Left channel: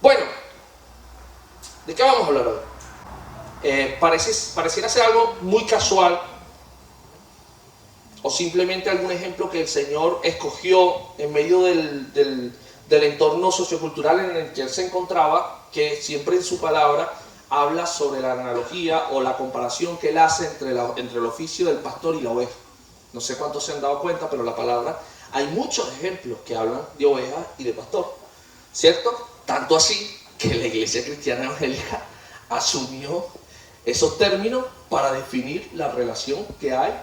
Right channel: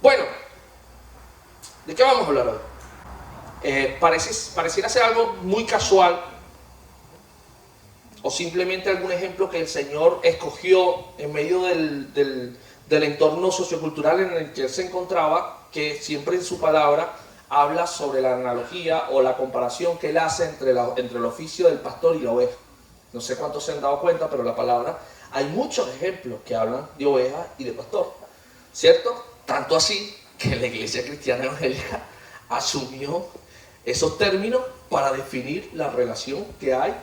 Bueno, ¿de qué vamos a hablar hoy? Pareciera ser algo muy casual o simplemente algún ejemplo que el Señor escogió en medio del entorno sociocultural en el que Él se encontraba, que siempre en su palabra habla sobre la analogía o la comparación que Él hace entre el oficio del pastor y la oveja. No sé cuántos se han dado cuenta, pero la palabra, hay muchos ejemplos que hablan de oveja y de pastor, ¿cierto? Tanto así que la iglesia cristiana evangélica asumió esos términos para definir la relación que hay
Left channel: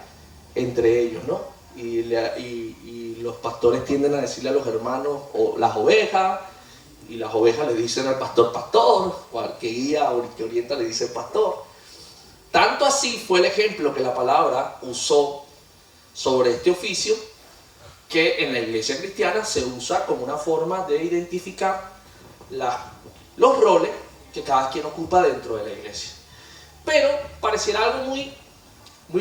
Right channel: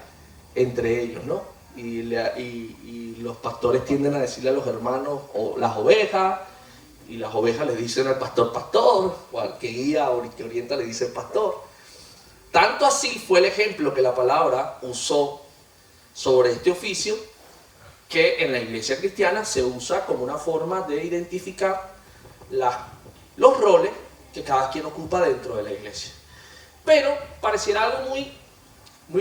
entre ellos, ¿no? Y los pastores tienden a decirle a los hermanos o las ovejas, y las ovejas le dicen al pastor pastor, o al que guía o que orienta le dice pastor. Tanto así fue el ejemplo que la palabra usó sobre este oficio, que en la iglesia cristiana se usa como una forma de identificar los roles que cada quien ocupa dentro de la iglesia. Pero pareciera algo muy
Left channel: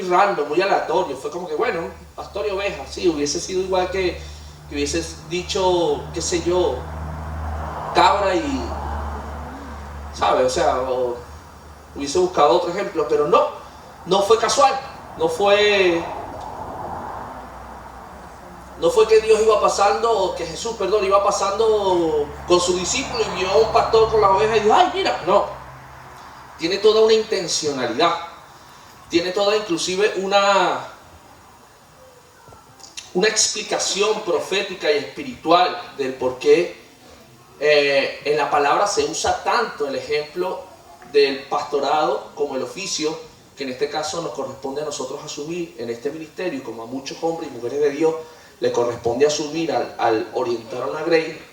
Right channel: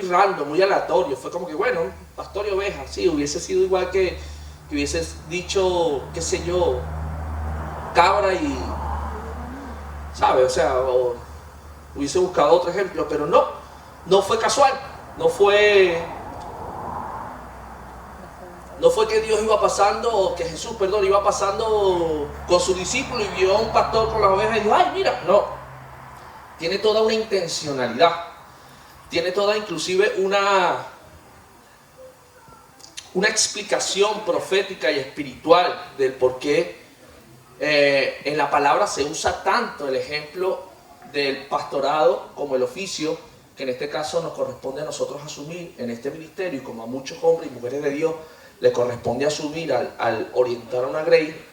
random, muy aleatorio. Fue como que, bueno, pastor y oveja, sí, hubiese sido igual que hubieses dicho, qué sé yo, cabra y, ¿sabes? O sea, hubiese buscado otro ejemplo, pero no fue casual, no fue que Dios iba pasando, o que Jesús, perdón, iba pasando con sus discípulos y vio a un pastor con las ovejas y dijo, ay, mira, no. Tiene toda una intencionalidad, tiene toda inclusive una explicación profética y espiritual del por qué en la palabra se usa tanto el ejemplo del pastorado como el oficio que en este caso nos corresponde a nosotros asumir en este ministerio, y como a muchos hombres y mujeres de Dios le corresponde asumir al orientar una grey.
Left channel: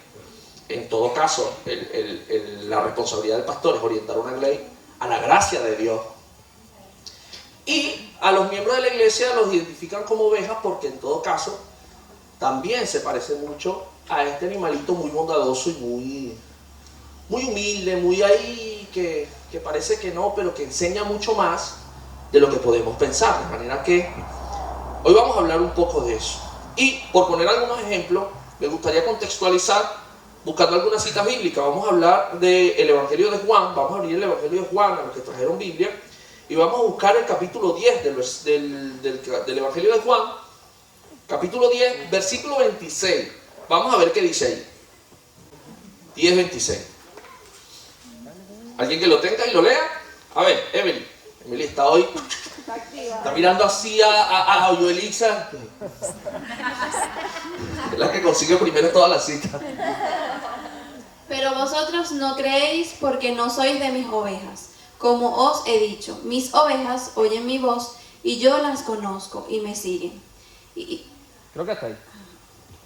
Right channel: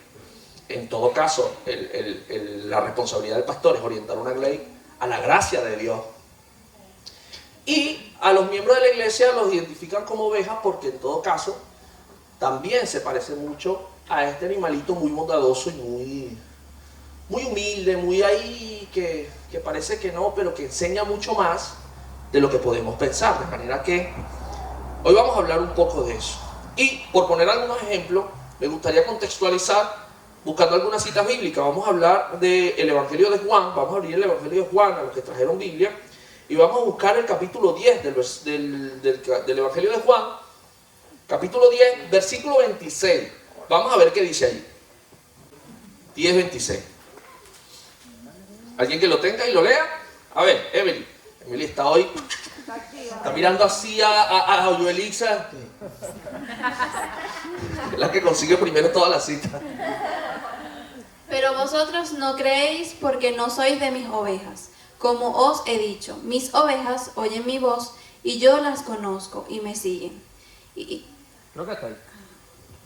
En todo caso, la responsabilidad del pastor es orientar una grey a la gracia de Dios. Y a los miembros de la iglesia los identifican como ovejas porque en todo caso también se parece mucho a este animalito muy bondadoso y muy humilde, muy ahí, que parece que no, pero que enseña mucho más de lo que podemos pensar. De manera que hoy vamos a hablar un poco de eso. Y por poner algunos ejemplos, me gustaría contextualizar buscando algunas citas bíblicas. Vamos a hablar del Evangelio de Juan, vamos a abrir el Evangelio de Juan a los que trajeron Biblia, y vamos a buscar el capítulo 10 del Evangelio de Juan, capítulo 10, versículo 26. Vamos a ver qué dice ahí. 10, 26. ¿Alguien que lo tenga y lo lea? A ver, Emily está hoy, está mirando así a Joelixa, la que consigue primero todas las citas. Pero vosotros no creéis porque no sois de mis ovejas. Como os he dicho, mis ovejas oyen mi voz y yo las conozco y me siguen. Creo que está ahí.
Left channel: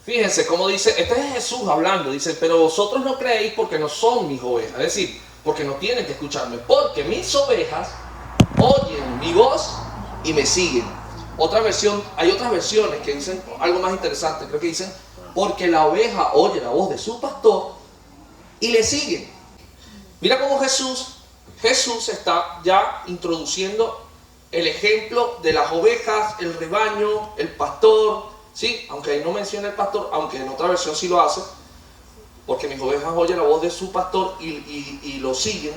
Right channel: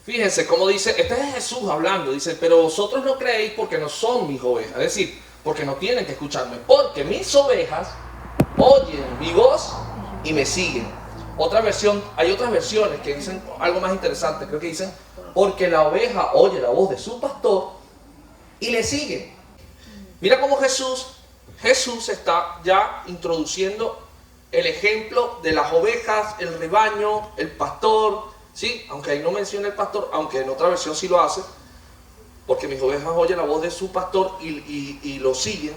Fíjense cómo dice, este es Jesús hablando, dice, pero vosotros no creéis porque no son mis ovejas. Es decir, porque no tienen que escucharme, porque mis ovejas oyen mi voz y me siguen. Hay otras versiones que dicen algo más interesante, creo que dicen, porque la oveja oye la voz de su pastor y le siguen. Mira cómo Jesús está ya introduciendo el ejemplo de las ovejas, el rebaño, el pastor, ¿sí? Aunque ahí no menciona el pastor, aunque en otra versión sí lo hace, porque mis ovejas oyen la voz de su pastor y lo siguen.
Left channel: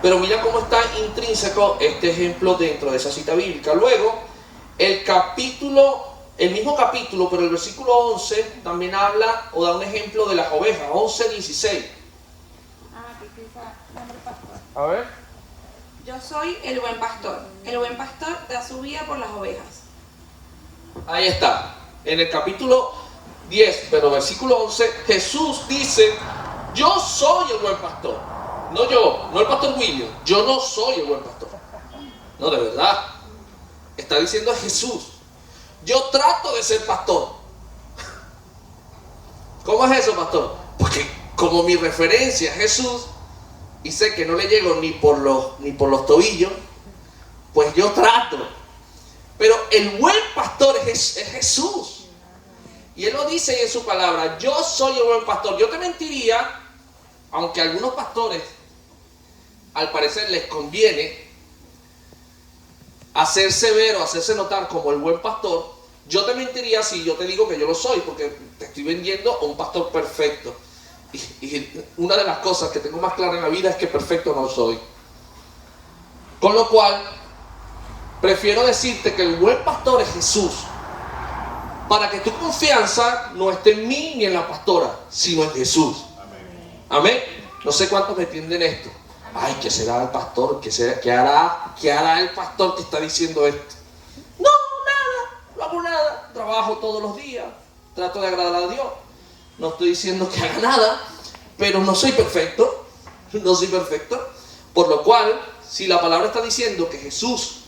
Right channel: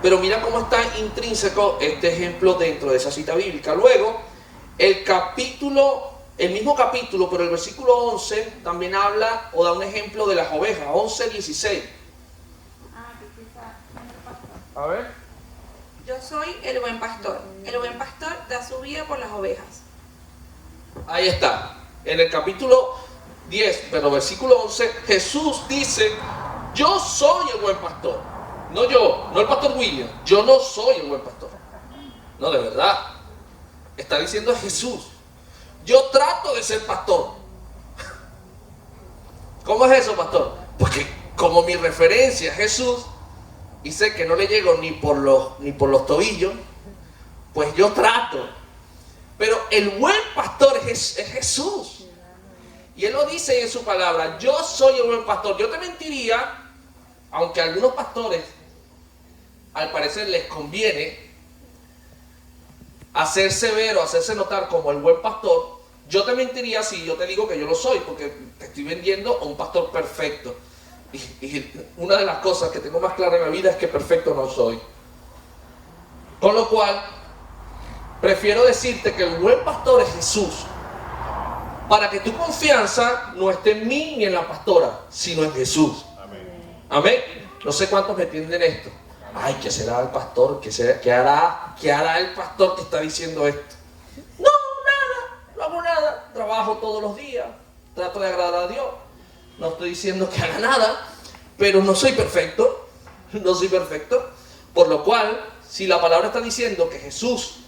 Pero mira cómo está intrínseco este ejemplo dentro de esa cita bíblica. Luego, el mismo capítulo, pero el versículo 11 también habla o da un ejemplo de las ovejas, 11, 16. A ver. Yo soy el buen pastor. El buen pastor da su vida por las ovejas. Ahí está. En el capítulo 10, pero versículo 11, Jesús dice, yo soy el buen pastor. No el pastor William. Yo no soy el buen pastor. No, de verdad. Está diciendo Jesús. Yo trato de ser pastor. ¿Cómo es eso, pastor? Porque como mi referencia es Jesús, y sé que no le llego ni por los tobillos, pues yo trato. Pero el buen pastor es Jesús. Y Él lo dice en su palabra, yo soy el buen pastor. Yo te mentiría, aunque a algunos pastores al parecer les conviene hacerse ver o hacerse notar como el buen pastor, yo te mentiría si yo te digo que yo lo soy, porque te estoy vendiendo a un pastor perfecto. Y una de las cosas que tengo más clara en la vida es que perfecto no soy. Con lo cual, prefiero decirte que el buen pastor es Jesús, para que tu confianza no esté en mí ni en la pastora, sino en Jesús. Amén. No sé cuántos me entienden esto. Ay, ¿qué será el pastor? ¿Qué hará el pastor que está diciendo esto? No, nada, no hago nada. Trabajo todos los días, trato de agradar a Dios. No estoy diciendo que haga nada, pero no soy perfecto. No soy perfecto. Por lo cual, si la palabra está diciendo que Jesús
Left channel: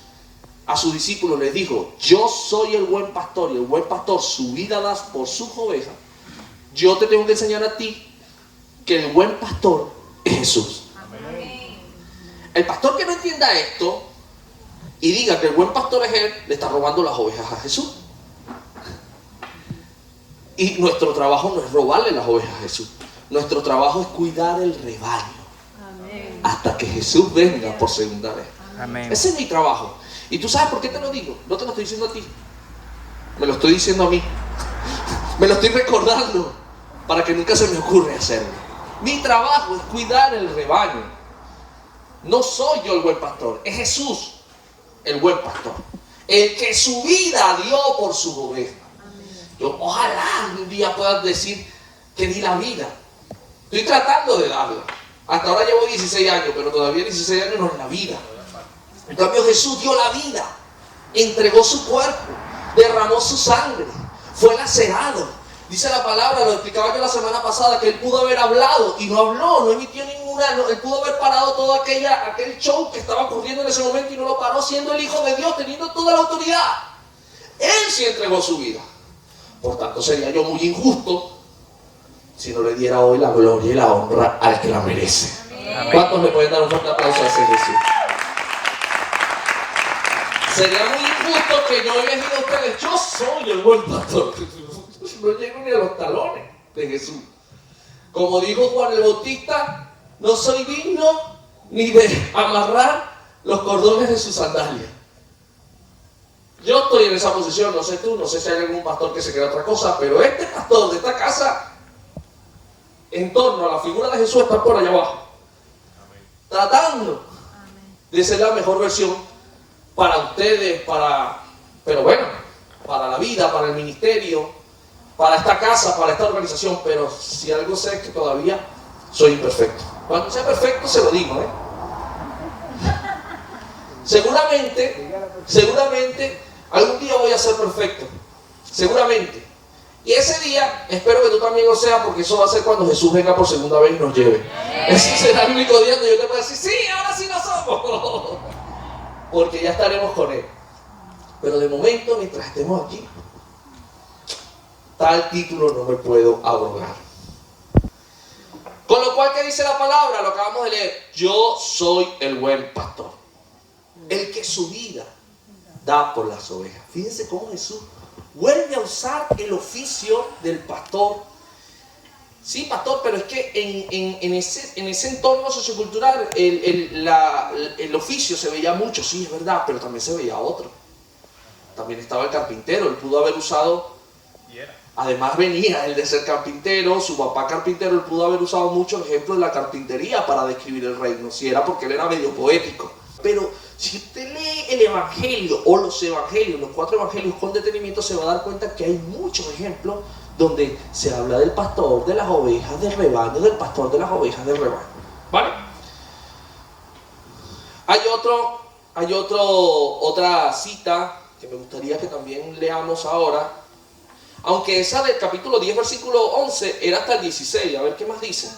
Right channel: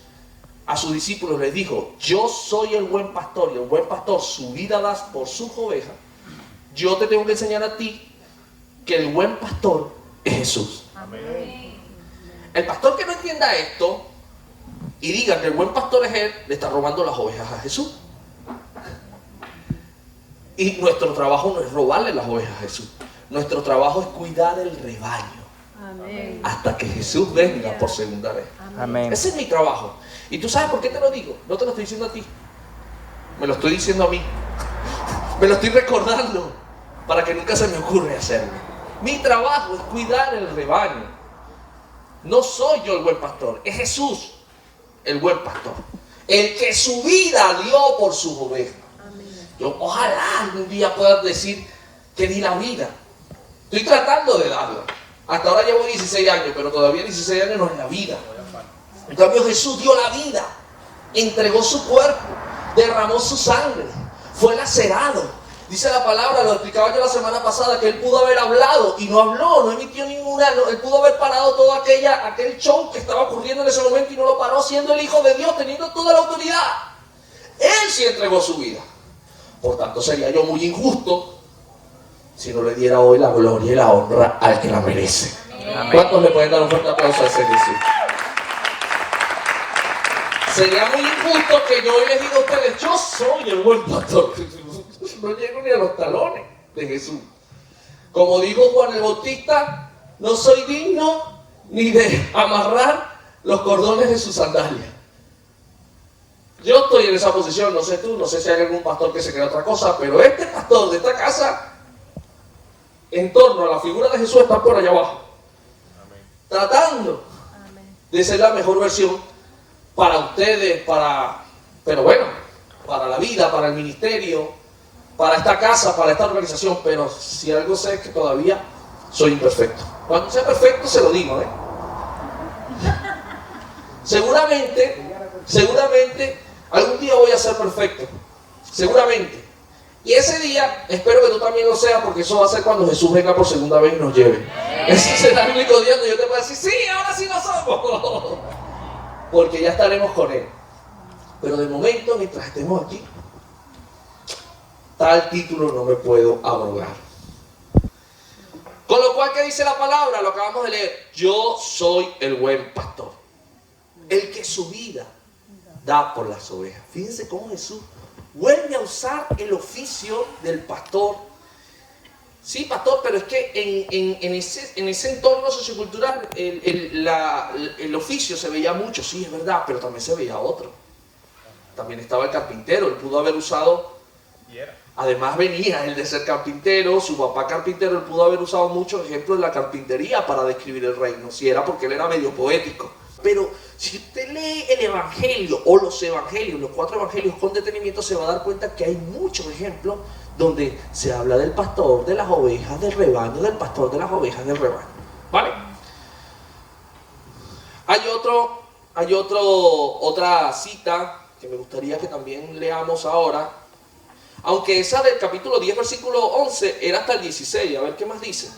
a sus discípulos les dijo: yo soy el buen pastor, y el buen pastor su vida da por sus ovejas, yo te tengo que enseñar a ti que el buen pastor es Jesús. Amén. El pastor que no entienda esto y diga que el buen pastor es él, le está robando las ovejas a Jesús. Y nuestro trabajo no es robarle las ovejas a Jesús. Nuestro trabajo es cuidar el rebaño. Amén. Hasta que Jesús venga por segunda vez. Amén. Ese es mi trabajo. ¿Y tú sabes por qué te lo digo? No te lo estoy diciendo a ti, me lo estoy diciendo a mí. Me lo estoy recordando para que nunca se me ocurra hacerlo. Mi trabajo es cuidar el rebaño. No soy yo el buen pastor, es Jesús el buen pastor, el que su vida dio por sus ovejas. Yo ojalá un día puedas decir que di la vida. Estoy tratando de darla. Hasta ahora llevo 16 años, pero todavía 16 años no es la vida. En cambio, Jesús dio la vida, entregó su cuerpo, derramó su sangre, fue lacerado. Dice la palabra, lo explicaba yo la semana pasada, que él pudo haber hablado y no habló, no emitió ninguna, él pudo haber parado todo aquel show que estaba ocurriendo en ese momento y no lo paró, siendo el Hijo de Dios, teniendo toda la autoridad. Él sí entregó su vida. Por tanto, sería yo muy injusto si no le diera hoy la gloria y la honra al que la merece. Amén. ¿Cuántos le pueden dar un fuerte aplauso a ese Jesús? Sería muy injusto que yo les diga a ustedes: yo soy el buen pastor. No llego ni a los talones de Jesús. Como dijo Juan el Bautista, no soy digno ni de amarrar los cordones de sus sandalias. Yo estoy en esa posición, no sé tú, no sé si hay algún pastor que se crea otra cosa, pero este pastor de esta casa, en torno a la figura de Jesús, está por allá abajo, tratando de ser la mejor versión para ustedes, pero bueno, para la vida, para el ministerio, para esta casa, para esta organización. Pero si algo sé es que todavía soy imperfecto. Cuando sea perfecto se lo digo, Seguramente algún día voy a ser perfecto, seguramente. Y ese día espero que tú también lo seas, porque eso va a ser cuando Jesús venga por segunda vez y nos lleve. Ese será el único día donde yo te pueda decir: sí, ahora sí lo somos, porque ya estaremos con Él. Pero de momento, mientras estemos aquí, tal título no me puedo abrogar. Con lo cual, ¿qué dice la palabra? Lo acabamos de leer: yo soy el buen pastor, el que su vida da por las ovejas. Fíjense cómo Jesús vuelve a usar el oficio del pastor. Sí, pastor, pero es que en ese entorno sociocultural el oficio se veía mucho, sí, es verdad, pero también se veía otro. También estaba el carpintero, él pudo haber usado, además venía él de ser carpintero, su papá carpintero, él pudo haber usado muchos ejemplos de la carpintería para describir el reino, si era porque él era medio poético. Pero si usted lee el evangelio o los evangelios, los 4 evangelios con detenimiento, se va a dar cuenta que hay muchos ejemplos donde se habla del pastor de las ovejas del rebaño, del pastor de las ovejas del rebaño. ¿Vale? Hay otra cita que me gustaría que también leamos ahora, aunque esa del capítulo 10, versículo 11, era hasta el 16. A ver, ¿qué más dice?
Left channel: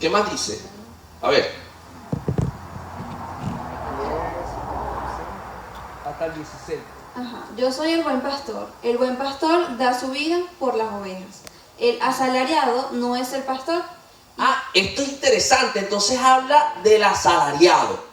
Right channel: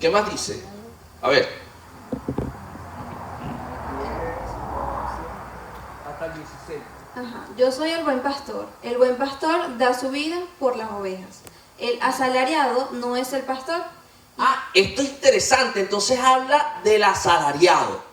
¿Qué más dice? A ver. Hasta el 16. Ajá. Yo soy el buen pastor. El buen pastor da su vida por las ovejas. El asalariado no es el pastor. Esto es interesante. Entonces habla del asalariado.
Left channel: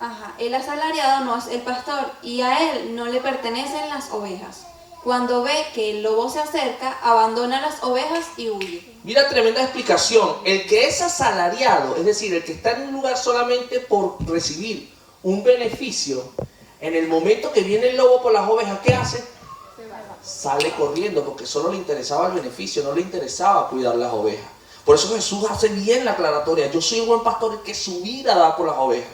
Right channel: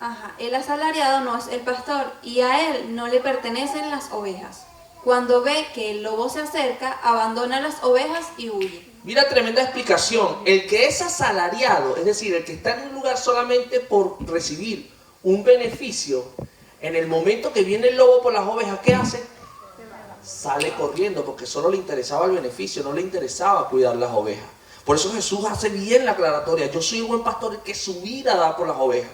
Ajá. El asalariado no es el pastor y a él no le pertenecen las ovejas. Cuando ve que el lobo se acerca, abandona las ovejas y huye. Mira, tremenda explicación. El que es asalariado, es decir, el que está en un lugar solamente por recibir un beneficio, en el momento que viene el lobo por las ovejas, ¿qué hace? sale corriendo porque solo le interesaba el beneficio, no le interesaba cuidar las ovejas. Por eso Jesús hace bien la aclaratoria: yo soy el buen pastor, el que su vida da por las ovejas.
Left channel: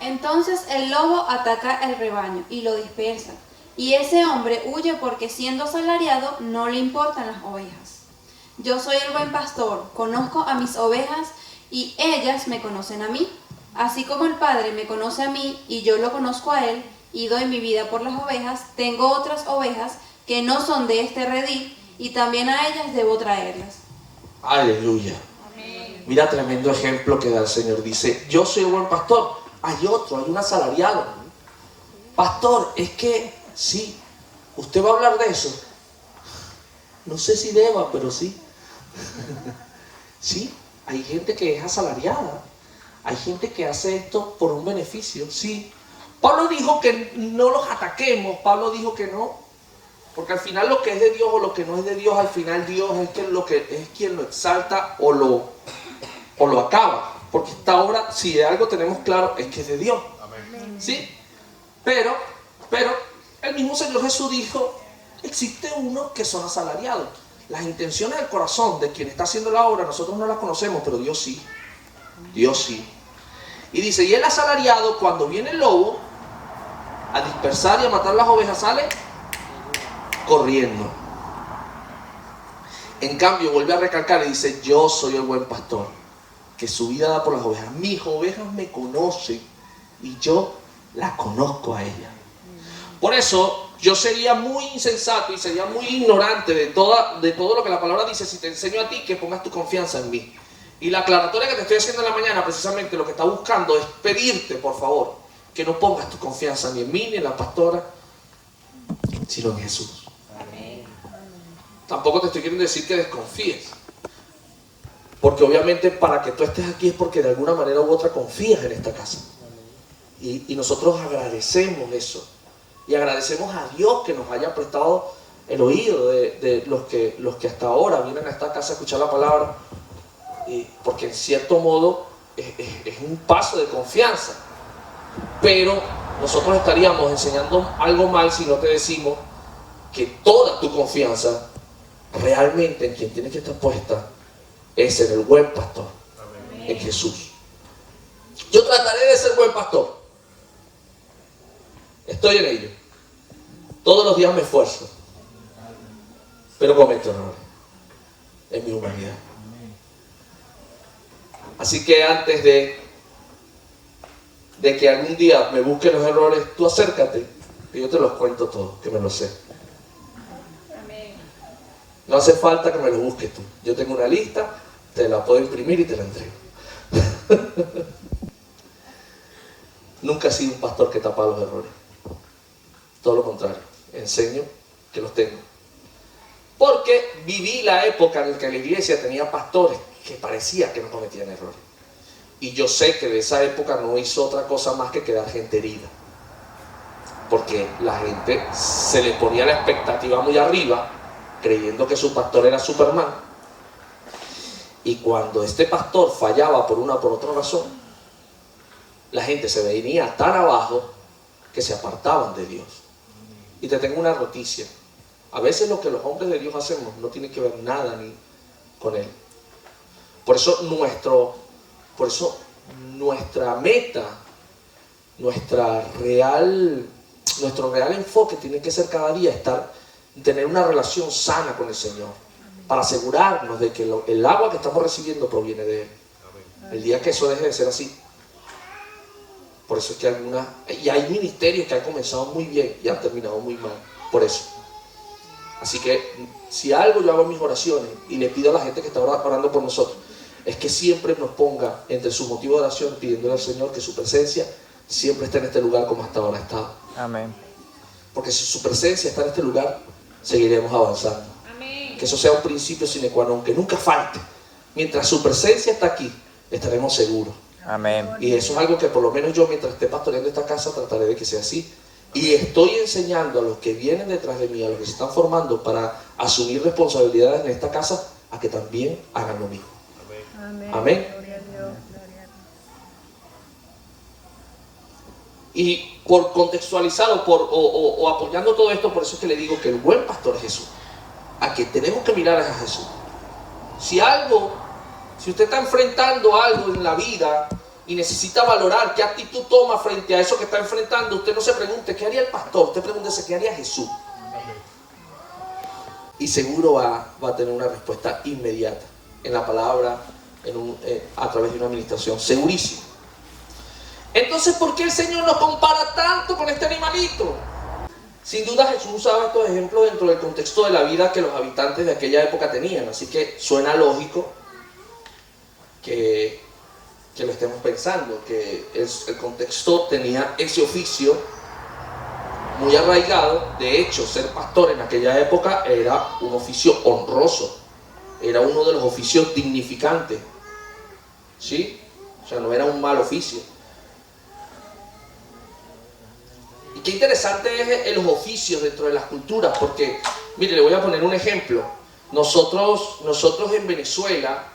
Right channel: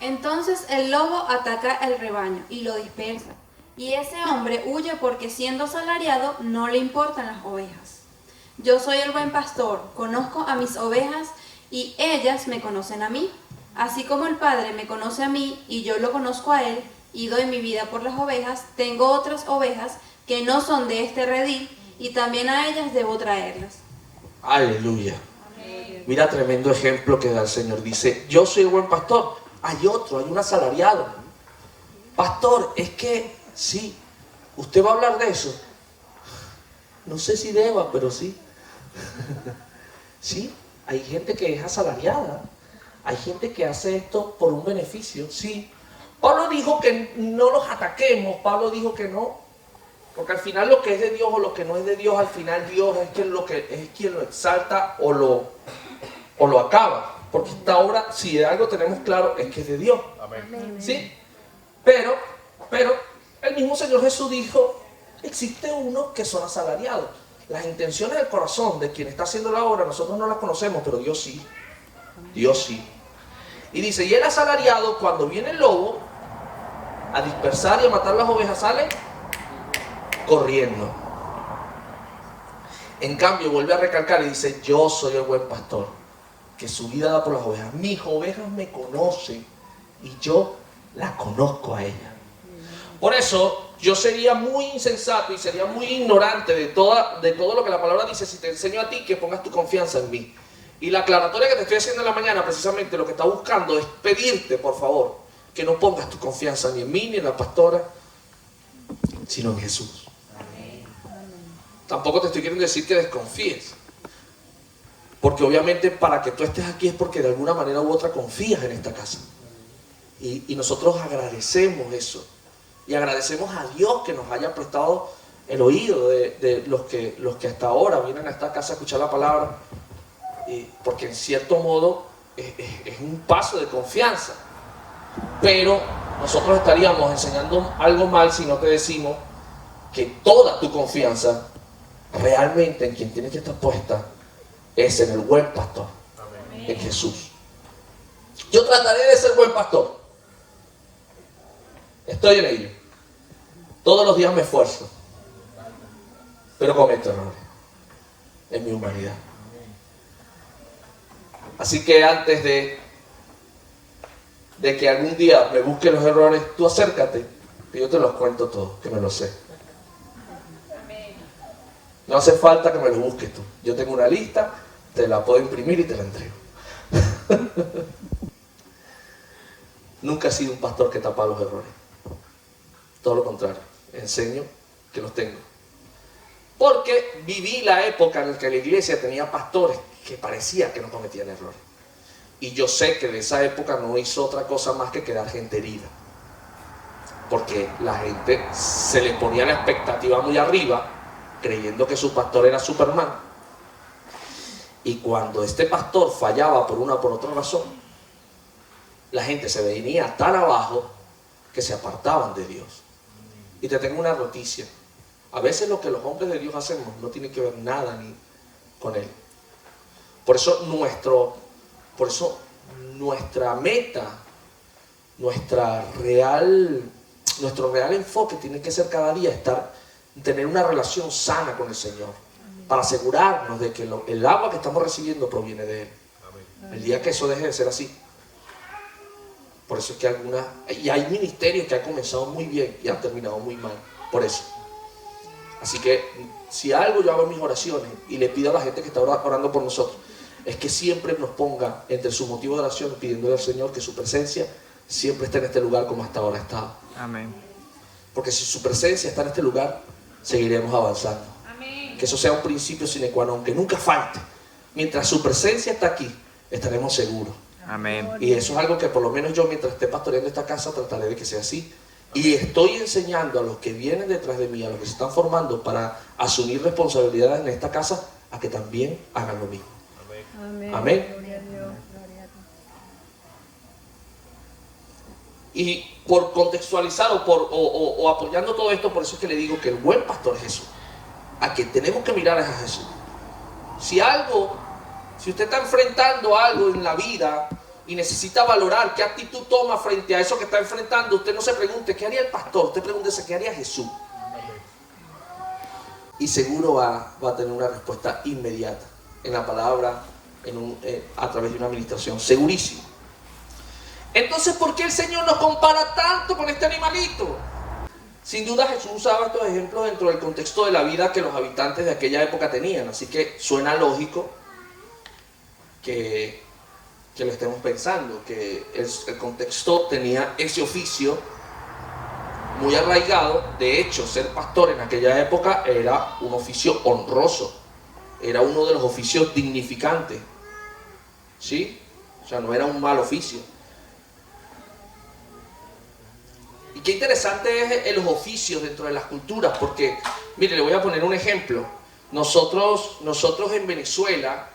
Entonces el lobo ataca el rebaño y lo dispersa, y ese hombre huye porque siendo asalariado no le importan las ovejas. Yo soy el buen pastor, conozco a mis ovejas y ellas me conocen a mí, así como el Padre me conoce a mí y yo lo conozco a él y doy mi vida por las ovejas. Tengo otras ovejas que no son de este redil y también a ellas debo traerlas. Aleluya. Mira, tremendo ejemplo que da el Señor. Dice: yo soy el buen pastor. Hay otro, hay un asalariado. Pastor, es que sí, ¿usted va a hablar de eso? No sé si deba, pero sí. Sí, hay gente que es asalariada. Hay gente que hace esto por un beneficio, sí. Pablo dijo que no los ataquemos. Pablo dijo que no. Porque al final lo que es de Dios o lo que no es de Dios, al final Dios es quien lo exalta o lo acaba. Porque esta obra, si de algo tenemos claro, es que es de Dios. Amén. ¿Sí? Pero el mismo Señor Jesús dijo: existe unos que son asalariados. Las intenciones del corazón de quien está haciendo la obra, nosotros no las conocemos, pero Dios sí. Dios sí. Y dice: y el asalariado, cuando viene el lobo a dispersar y a matar las ovejas, sale corriendo. En cambio, vuelve a recalcar y dice: yo soy el buen pastor, que su vida da por las ovejas. Mis ovejas me conocen y yo la conozco a ella. Por eso yo sería muy insensato y sería muy ignorante de todo lo que la palabra dice si te enseño a ti que pongas tu confianza en mí. Y la aclaratoria que te estoy haciendo en la mañana, precisamente lo que está buscando es pedirte, por favor, que no pongas tu confianza ni en mí ni en la pastora, sino en Jesús. Tampoco te estoy queriendo decir que desconfíes, porque obviamente para que tú estés aquí es porque de alguna manera u otra confías en esta casa. Y nosotros agradecemos eso. Y agradecemos a Dios que nos haya prestado el oído de los que hasta ahora vienen a esta casa a escuchar la palabra. Porque en cierto modo es un paso de confianza. Pero nosotros estaríamos enseñando algo mal si no te decimos que toda tu confianza realmente en quien tiene que estar puesta es en el buen pastor, en Jesús. Yo trataré de ser buen pastor. Estoy en ello. Todos los días me esfuerzo, pero cometo errores en mi humanidad. Así que antes de que algún día me busquen los errores, tú acércate, que yo te los cuento todos, que me los sé. No hace falta que me los busques tú. Yo tengo una lista, te la puedo imprimir y te la entrego. Nunca he sido un pastor que tapa los errores. Todo lo contrario, enseño que los tengo. Porque viví la época en la que la iglesia tenía pastores que parecía que no cometían errores. Y yo sé que de esa época no hizo otra cosa más que quedar gente herida. Porque la gente se le ponía la expectativa muy arriba, creyendo que su pastor era Superman. Y cuando este pastor fallaba por una o por otra razón, la gente se venía tan abajo que se apartaban de Dios. Y te tengo una noticia: a veces lo que los hombres de Dios hacemos no tiene que ver nada ni con Él. Por eso nuestra meta, nuestro real enfoque tiene que ser cada día tener una relación sana con el Señor, para asegurarnos de que el agua que estamos recibiendo proviene de Él. El día que eso deje de ser así, por eso es que hay ministerios que han comenzado muy bien y han terminado muy mal, por eso. Así que si algo yo hago en mis oraciones y le pido a la gente que está orando por nosotros, es que siempre nos ponga entre sus motivos de oración pidiéndole al Señor que su presencia siempre esté en este lugar como hasta ahora ha estado. Amén. Porque si su presencia está en este lugar, seguiremos avanzando. Amén. Que eso sea un principio sine qua non, que nunca falte. Mientras su presencia está aquí, estaremos seguros. Amén. Y eso es algo que por lo menos yo, mientras esté pastoreando esta casa, trataré de que sea así. Y estoy enseñando a los que vienen detrás de mí, a los que se están formando para asumir responsabilidades en esta casa, a que también hagan lo mismo. Amén. Amén. Y por contextualizar o apoyando todo esto, por eso es que le digo que el buen pastor es Jesús. A quien tenemos que mirar es a Jesús. Si usted está enfrentando algo en la vida y necesita valorar qué actitud toma frente a eso que está enfrentando, usted no se pregunte ¿qué haría el pastor? Usted pregúntese ¿qué haría Jesús? Y seguro va a tener una respuesta inmediata en la palabra, a través de una administración, segurísimo. Entonces, ¿por qué el Señor nos compara tanto con este animalito? Sin duda Jesús usaba estos ejemplos dentro del contexto de la vida que los habitantes de aquella época tenían, así que suena lógico que lo estemos pensando, que el contexto tenía ese oficio muy arraigado. De hecho, ser pastor en aquella época era un oficio honroso, era uno de los oficios dignificantes, ¿sí? O sea, no era un mal oficio. Y qué interesante es los oficios dentro de las culturas, porque, mire, le voy a poner un ejemplo. Nosotros en Venezuela,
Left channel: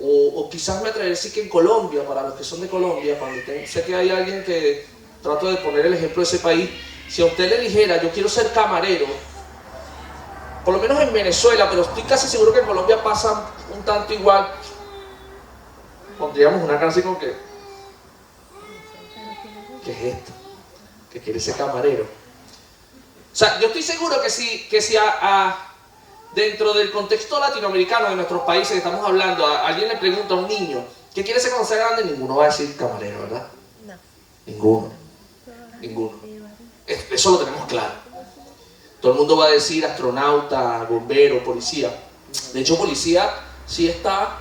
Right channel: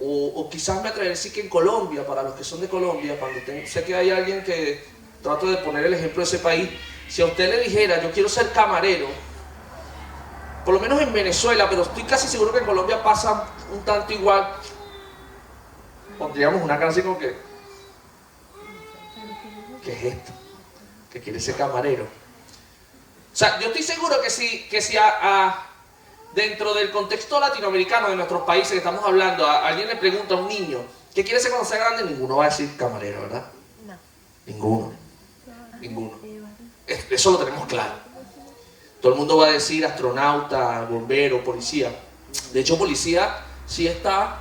o quizás me atrevería a decir que en Colombia, para los que son de Colombia, sé que hay alguien que trato de poner el ejemplo de ese país. Si a usted le dijera, yo quiero ser camarero, por lo menos en Venezuela, pero estoy casi seguro que en Colombia pasa un tanto igual, pondríamos una cara así como que, ¿qué es esto? Que quiere ser camarero. O sea, yo estoy seguro que si dentro del contexto latinoamericano de nuestros países que estamos hablando, alguien le pregunta a un niño ¿qué quiere ser cuando sea grande? Ninguno va a decir camarero, ¿verdad? No. Ninguno. Eso lo tenemos claro. Todo el mundo va a decir astronauta, bombero, policía. De hecho, policía sí está,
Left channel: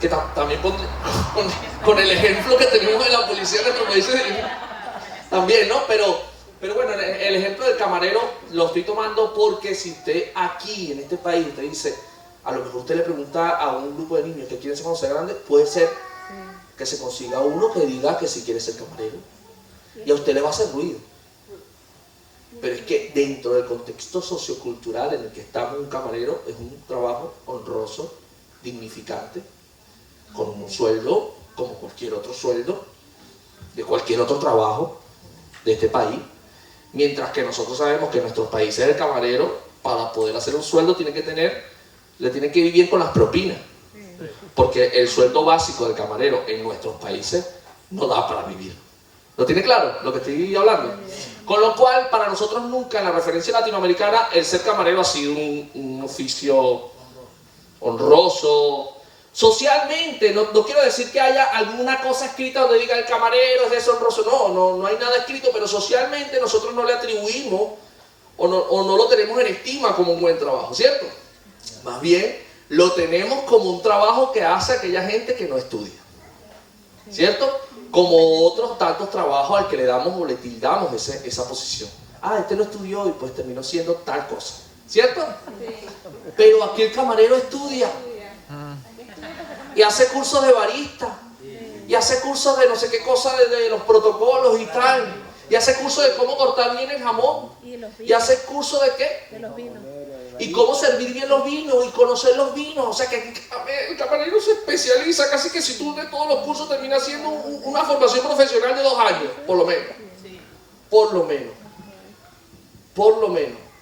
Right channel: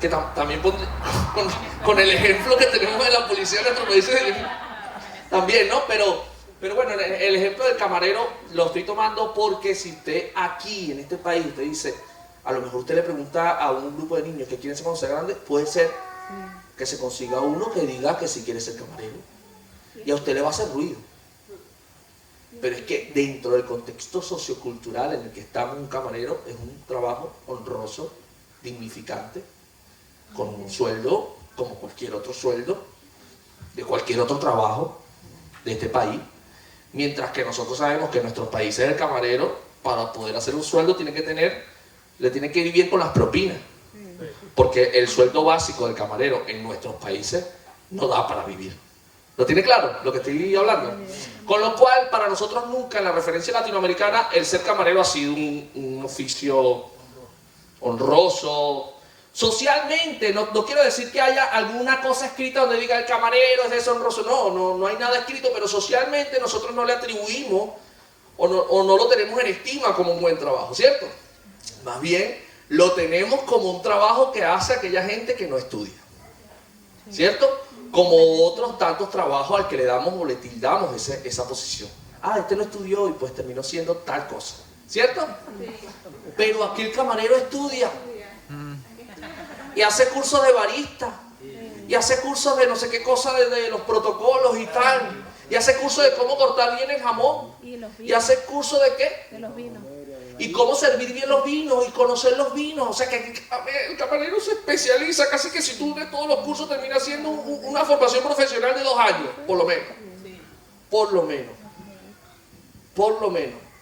que también con el ejemplo que tenemos de la policía en nuestro país, también, ¿no? Pero bueno, el ejemplo del camarero lo estoy tomando porque si usted aquí, en este país, usted dice, a lo mejor usted le pregunta a un grupo de niños que quieren ser cuando sea grande, puede ser que se consiga uno que diga que sí quiere ser camarero. Y a usted le va a hacer ruido. Pero es que dentro del contexto sociocultural en el que estamos, un camarero es un trabajo honroso, dignificante, con un sueldo como cualquier otro sueldo de cualquier otro trabajo de este país, mientras que nosotros sabemos que en nuestros países el camarero, para poder hacer un sueldo, le tiene que vivir con las propinas, porque el sueldo básico del camarero en nuestros países no da para vivir. ¿Lo tiene claro lo que estoy hablando? Con lo cual, para nosotros nunca en la referencia latinoamericana el ser camarero ha sido un oficio honroso. Socialmente, no quiero decir que haya alguna cosa escrita donde diga el camarero es deshonroso, no hay nada escrito, pero socialmente nosotros no le atribuimos o no lo tenemos en estima como un buen trabajo, ¿cierto? Más bien, lo tenemos como un trabajo que hace aquella gente que no estudia, ¿cierto? Como otros tantos trabajos al que le damos o le tildamos esa posición. Este no estudió y pues terminó siendo tal cosa, ¿cierto? Pero aquí el camarero estudia. Y hace cursos de barista, y hace cursos de no sé qué cosa, de los protocolos y tal, y hace cursos de cómo cortar bien el jamón, y hace cursos de qué, los vinos, y cómo servir bien los vinos, y conocer los vinos. O sea que el camarero se especializa, casi que si tú de todos los cursos termina siendo una formación profesional de 2 años, por lo menos.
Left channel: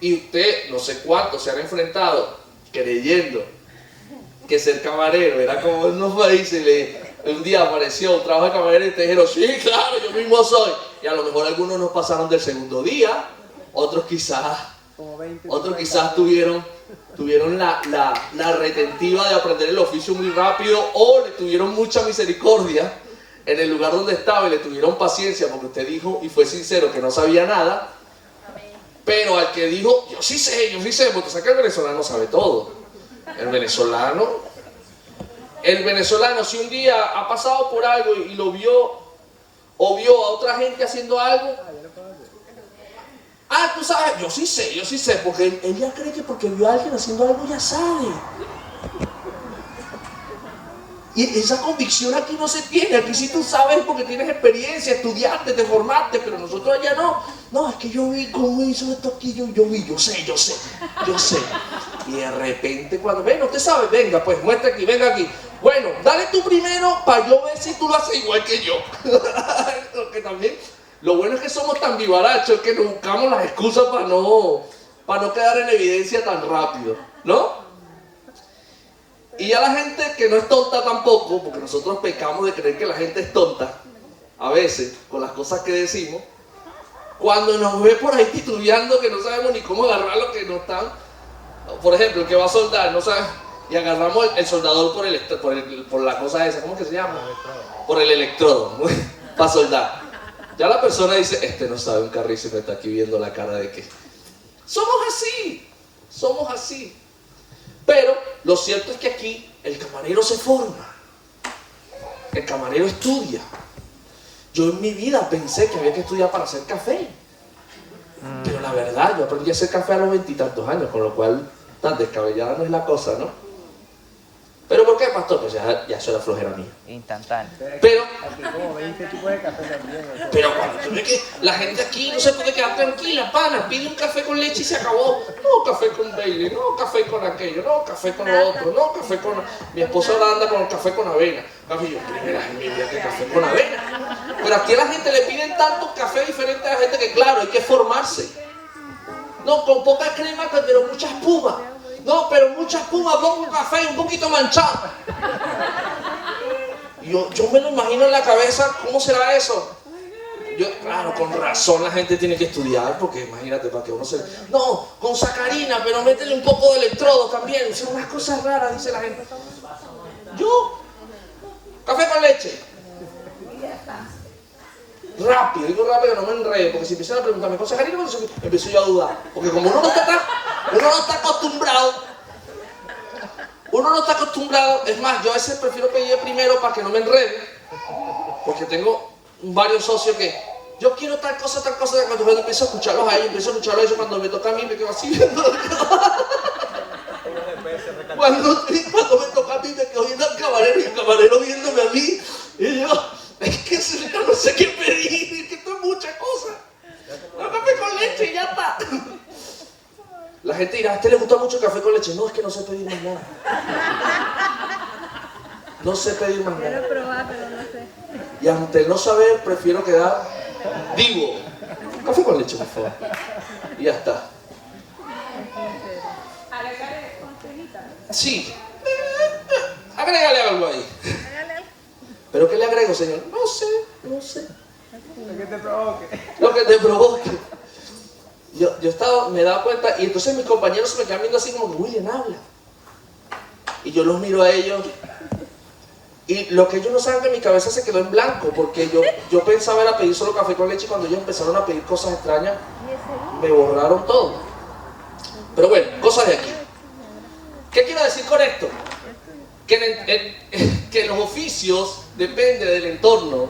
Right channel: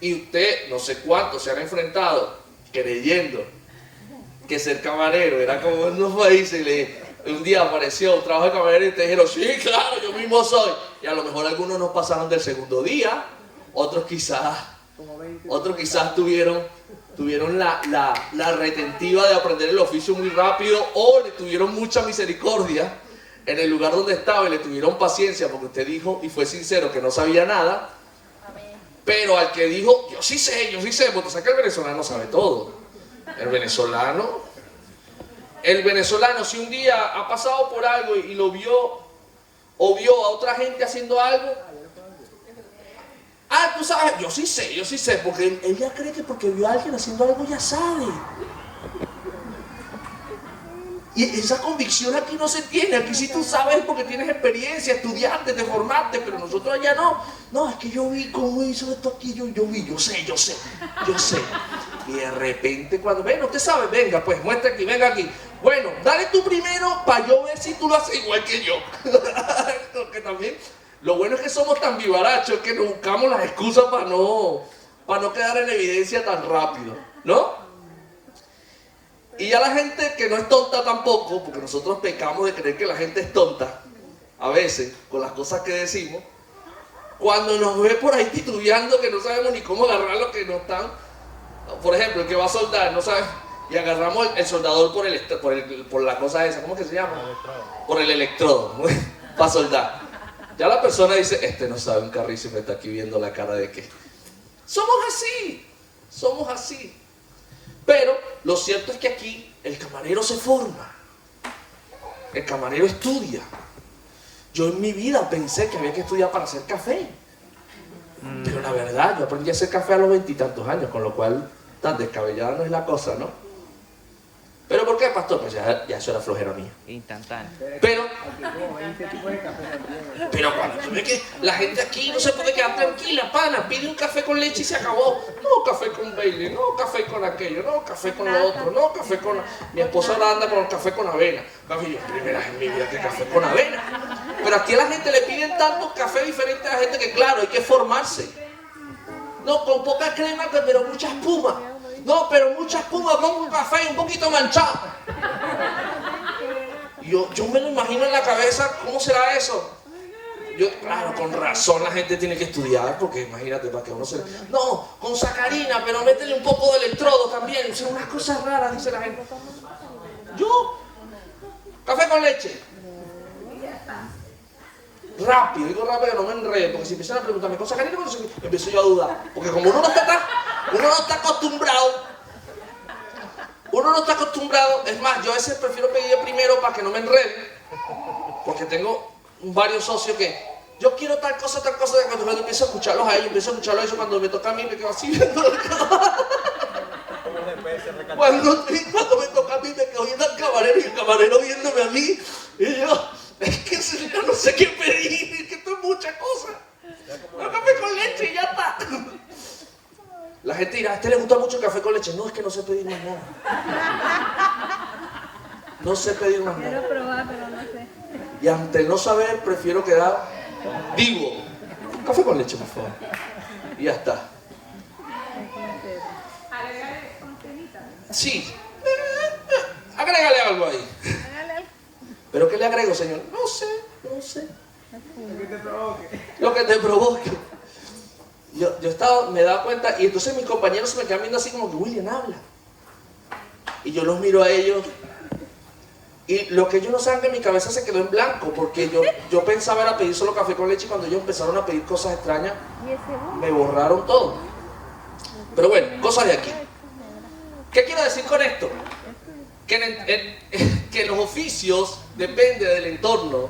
Y usted, no sé cuánto se han enfrentado creyendo que ser camarero era como en los países. Un día apareció un trabajo de camarero y te dijeron, sí, claro, yo mismo soy. Y a lo mejor algunos no pasaron del segundo día, otros quizás tuvieron la retentiva de aprender el oficio muy rápido, o le tuvieron mucha misericordia en el lugar donde estaba y le tuvieron paciencia porque usted dijo y fue sincero que no sabía nada. Pero al que dijo, yo sí sé, porque sé que el venezolano sabe todo. El venezolano, si un día ha pasado por algo y lo vio o vio a otra gente haciendo algo, tú sabes, yo sí sé, porque él ya cree que porque vio a alguien haciendo algo ya sabe. Y esa convicción aquí no se tiene. Aquí sí tú sabes porque tienes experiencia, estudiaste, te formaste, pero nosotros allá no. No, es que yo vi cómo hizo esto aquí, yo sé. Y de repente cuando, venga, usted sabe, venga, pues muestre aquí, venga aquí. Bueno, dale tú primero para yo ver si tú lo haces igual que yo. Porque también Lo bueno es que somos tan vivarachos que nos buscamos las excusas para no quedar en evidencia tan rápido, ¿no? Y ya la gente que no es tonta tampoco, porque nosotros pecamos de creer que la gente es tonta, a veces, con las cosas que decimos, cuando nos ve por ahí titubeando que no sabemos ni cómo agarrar lo que nos están, por ejemplo, el que va a soldar, no sabe, y agarramos el soldador por la cosa esa, ¿cómo que se llama? Por el electrodo, para soldar. Ya la persona dice, este no sabe un carrísimo, está aquí viendo la cara de que... Somos así. Pero lo cierto es que aquí el camarero se forma, el camarero estudia. Yo en mi vida pensé que había que estudiar para hacer café, pero la verdad, yo aprendí a hacer café a los 20 y tantos años, con lo cual tan descabellada no es la cosa, ¿no? ¿Pero por qué, pastor? Pues ya eso era flojera mía. Instantáneo. Pero cuando tú ves que la gente aquí no se puede quedar tranquila, pana, pide un café con leche y se acabó. No, café con Bailey, no, café con aquello, no, café con lo otro, no, café con... Mi esposa ahora anda con el café con avena. Café, yo, primera vez en mi vida que café con avena. Pero aquí a la gente le piden tantos cafés diferentes a la gente que, claro, hay que formarse. No, con poca crema, pero mucha espuma. No, pero mucha espuma, pongo un café un poquito manchado. Yo me lo imagino en la cabeza, ¿cómo será eso? Claro, con razón la gente tiene que estudiar, porque imagínate, para que uno se... No, con sacarina, pero métele un poco de electrodo también. Son unas cosas raras, dice la gente. Yo, café con leche. Digo rápido, no me enredo, porque si empiezan a preguntarme con sacarina, empiezo yo a dudar. Porque como uno no está acostumbrado, es más, yo a veces prefiero pedir primero para que no me enrede, porque tengo varios socios que yo quiero tal cosa, cuando empiezo a escucharlos a ellos, cuando me toca a mí me quedo así viendo cuando me toca a mí me quedo viendo al camarero y el camarero viéndome a mí, y yo, es que yo no sé qué pedir, es que esto es mucha cosa. No, café con leche y ya está. La gente dirá, ¿a este le gusta mucho el café con leche? No, es que no sé pedir más nada. No sé pedir más nada. Y ante el no saber, prefiero quedar vivo. Café con leche, por favor. Y ya está. Sí. Agrégale algo ahí. ¿Pero qué le agrego, señor? No sé. Lo que te provoque. Yo me daba cuenta, y entonces mis compañeros se me quedan viendo así como que William habla. Y yo los miro a ellos, y lo que ellos no saben de mi cabeza se quedó en blanco, porque yo pensaba era pedir solo café con leche, y cuando ellos empezaron a pedir cosas extrañas, me borraron todo. Pero bueno, cosas de aquí. ¿Qué quiero decir con esto? Que los oficios dependen del entorno,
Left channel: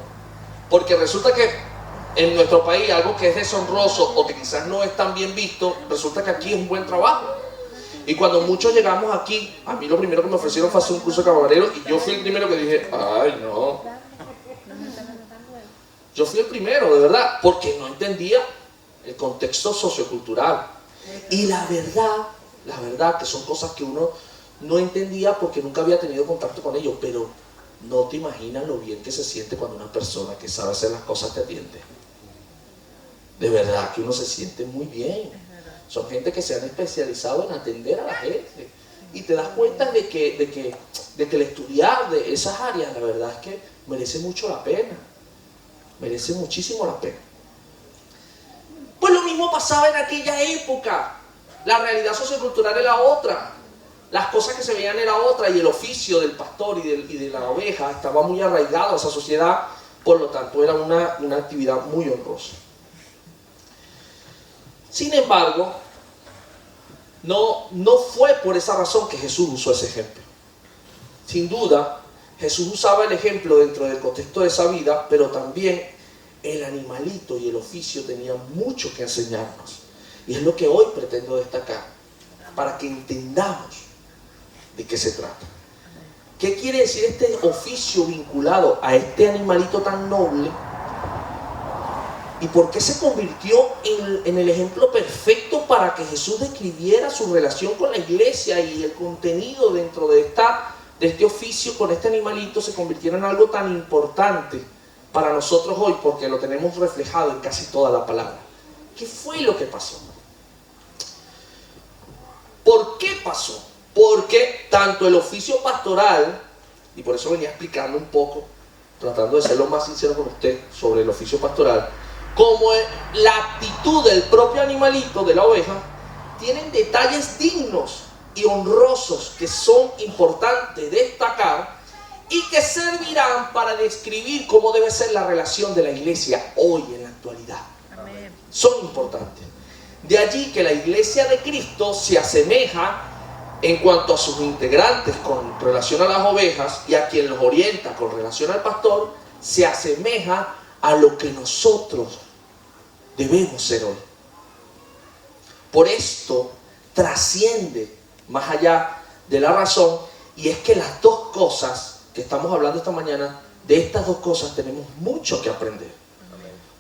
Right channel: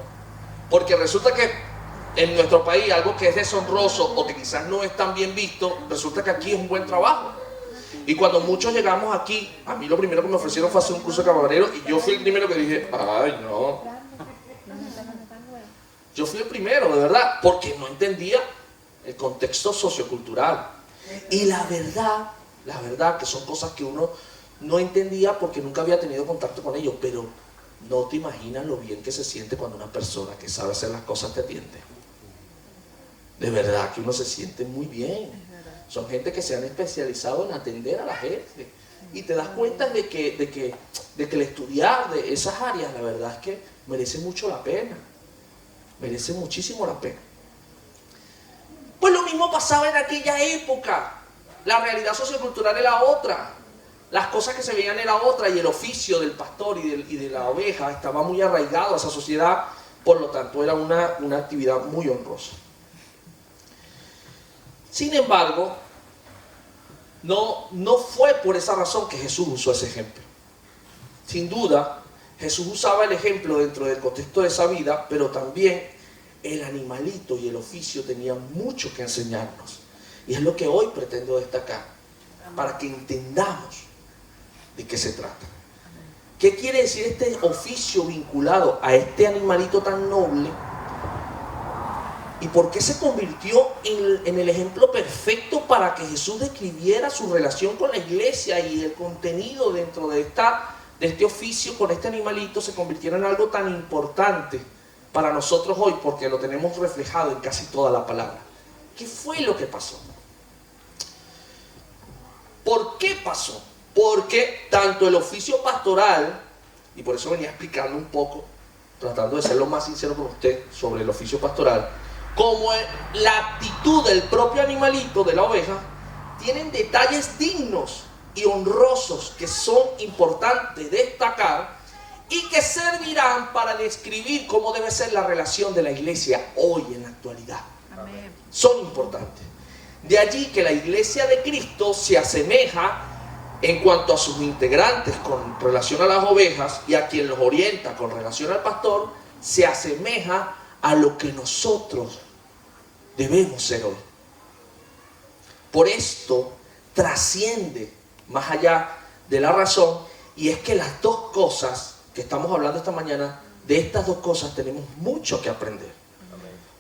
porque resulta que en nuestro país algo que es deshonroso o que quizás no es tan bien visto, resulta que aquí es un buen trabajo. Y cuando muchos llegamos aquí, a mí lo primero que me ofrecieron fue hacer un curso de camarero, y yo fui el primero que dije, ay no. Yo fui el primero, de verdad, porque no entendía el contexto sociocultural. Y la verdad que son cosas que uno no entendía porque nunca había tenido contacto con ellos, pero no te imaginas lo bien que se siente cuando una persona que sabe hacer las cosas te atiende. De verdad que uno se siente muy bien. Son gente que se han especializado en atender a la gente. Y te das cuenta de que el estudiar de esas áreas, la verdad es que merece mucho la pena. Merece muchísimo la pena. Pues lo mismo pasaba en aquella época. La realidad sociocultural era otra. Las cosas que se veían era otra, y el oficio del pastor y de la oveja estaba muy arraigado a esa sociedad, por lo tanto era una actividad muy honrosa. Sin embargo, no fue por esa razón que Jesús usó ese ejemplo. Sin duda, Jesús usaba el ejemplo dentro del contexto de esa vida, pero también el animalito y el oficio tenían mucho que enseñarnos. Y es lo que hoy pretendo destacar, para que entendamos de qué se trata. ¿Qué quiere decir este oficio vinculado a este animalito tan noble? ¿Y por qué se convirtió en el ejemplo perfecto para que Jesús describiera su relación con la iglesia, y el contenido dentro de este oficio con este animalito se convirtiera en algo tan importante para nosotros hoy porque lo tenemos reflejado en casi toda la palabra. ¿Qué fue lo que pasó? ¿Por qué pasó? Porque tanto el oficio pastoral, y por eso venía explicando un poco, tratando de ser lo más sincero con usted sobre el oficio pastoral, como la actitud del propio animalito, de la oveja, tienen detalles dignos y honrosos que son importantes destacar y que servirán para describir cómo debe ser la relación de la iglesia hoy en la actualidad. Amén. Son importantes. De allí que la iglesia de Cristo se asemeja en cuanto a sus integrantes con relación a las ovejas y a quien los orienta con relación al pastor, se asemeja a lo que nosotros debemos ser hoy. Por esto trasciende más allá de la razón, y es que las dos cosas que estamos hablando esta mañana, de estas dos cosas tenemos mucho que aprender.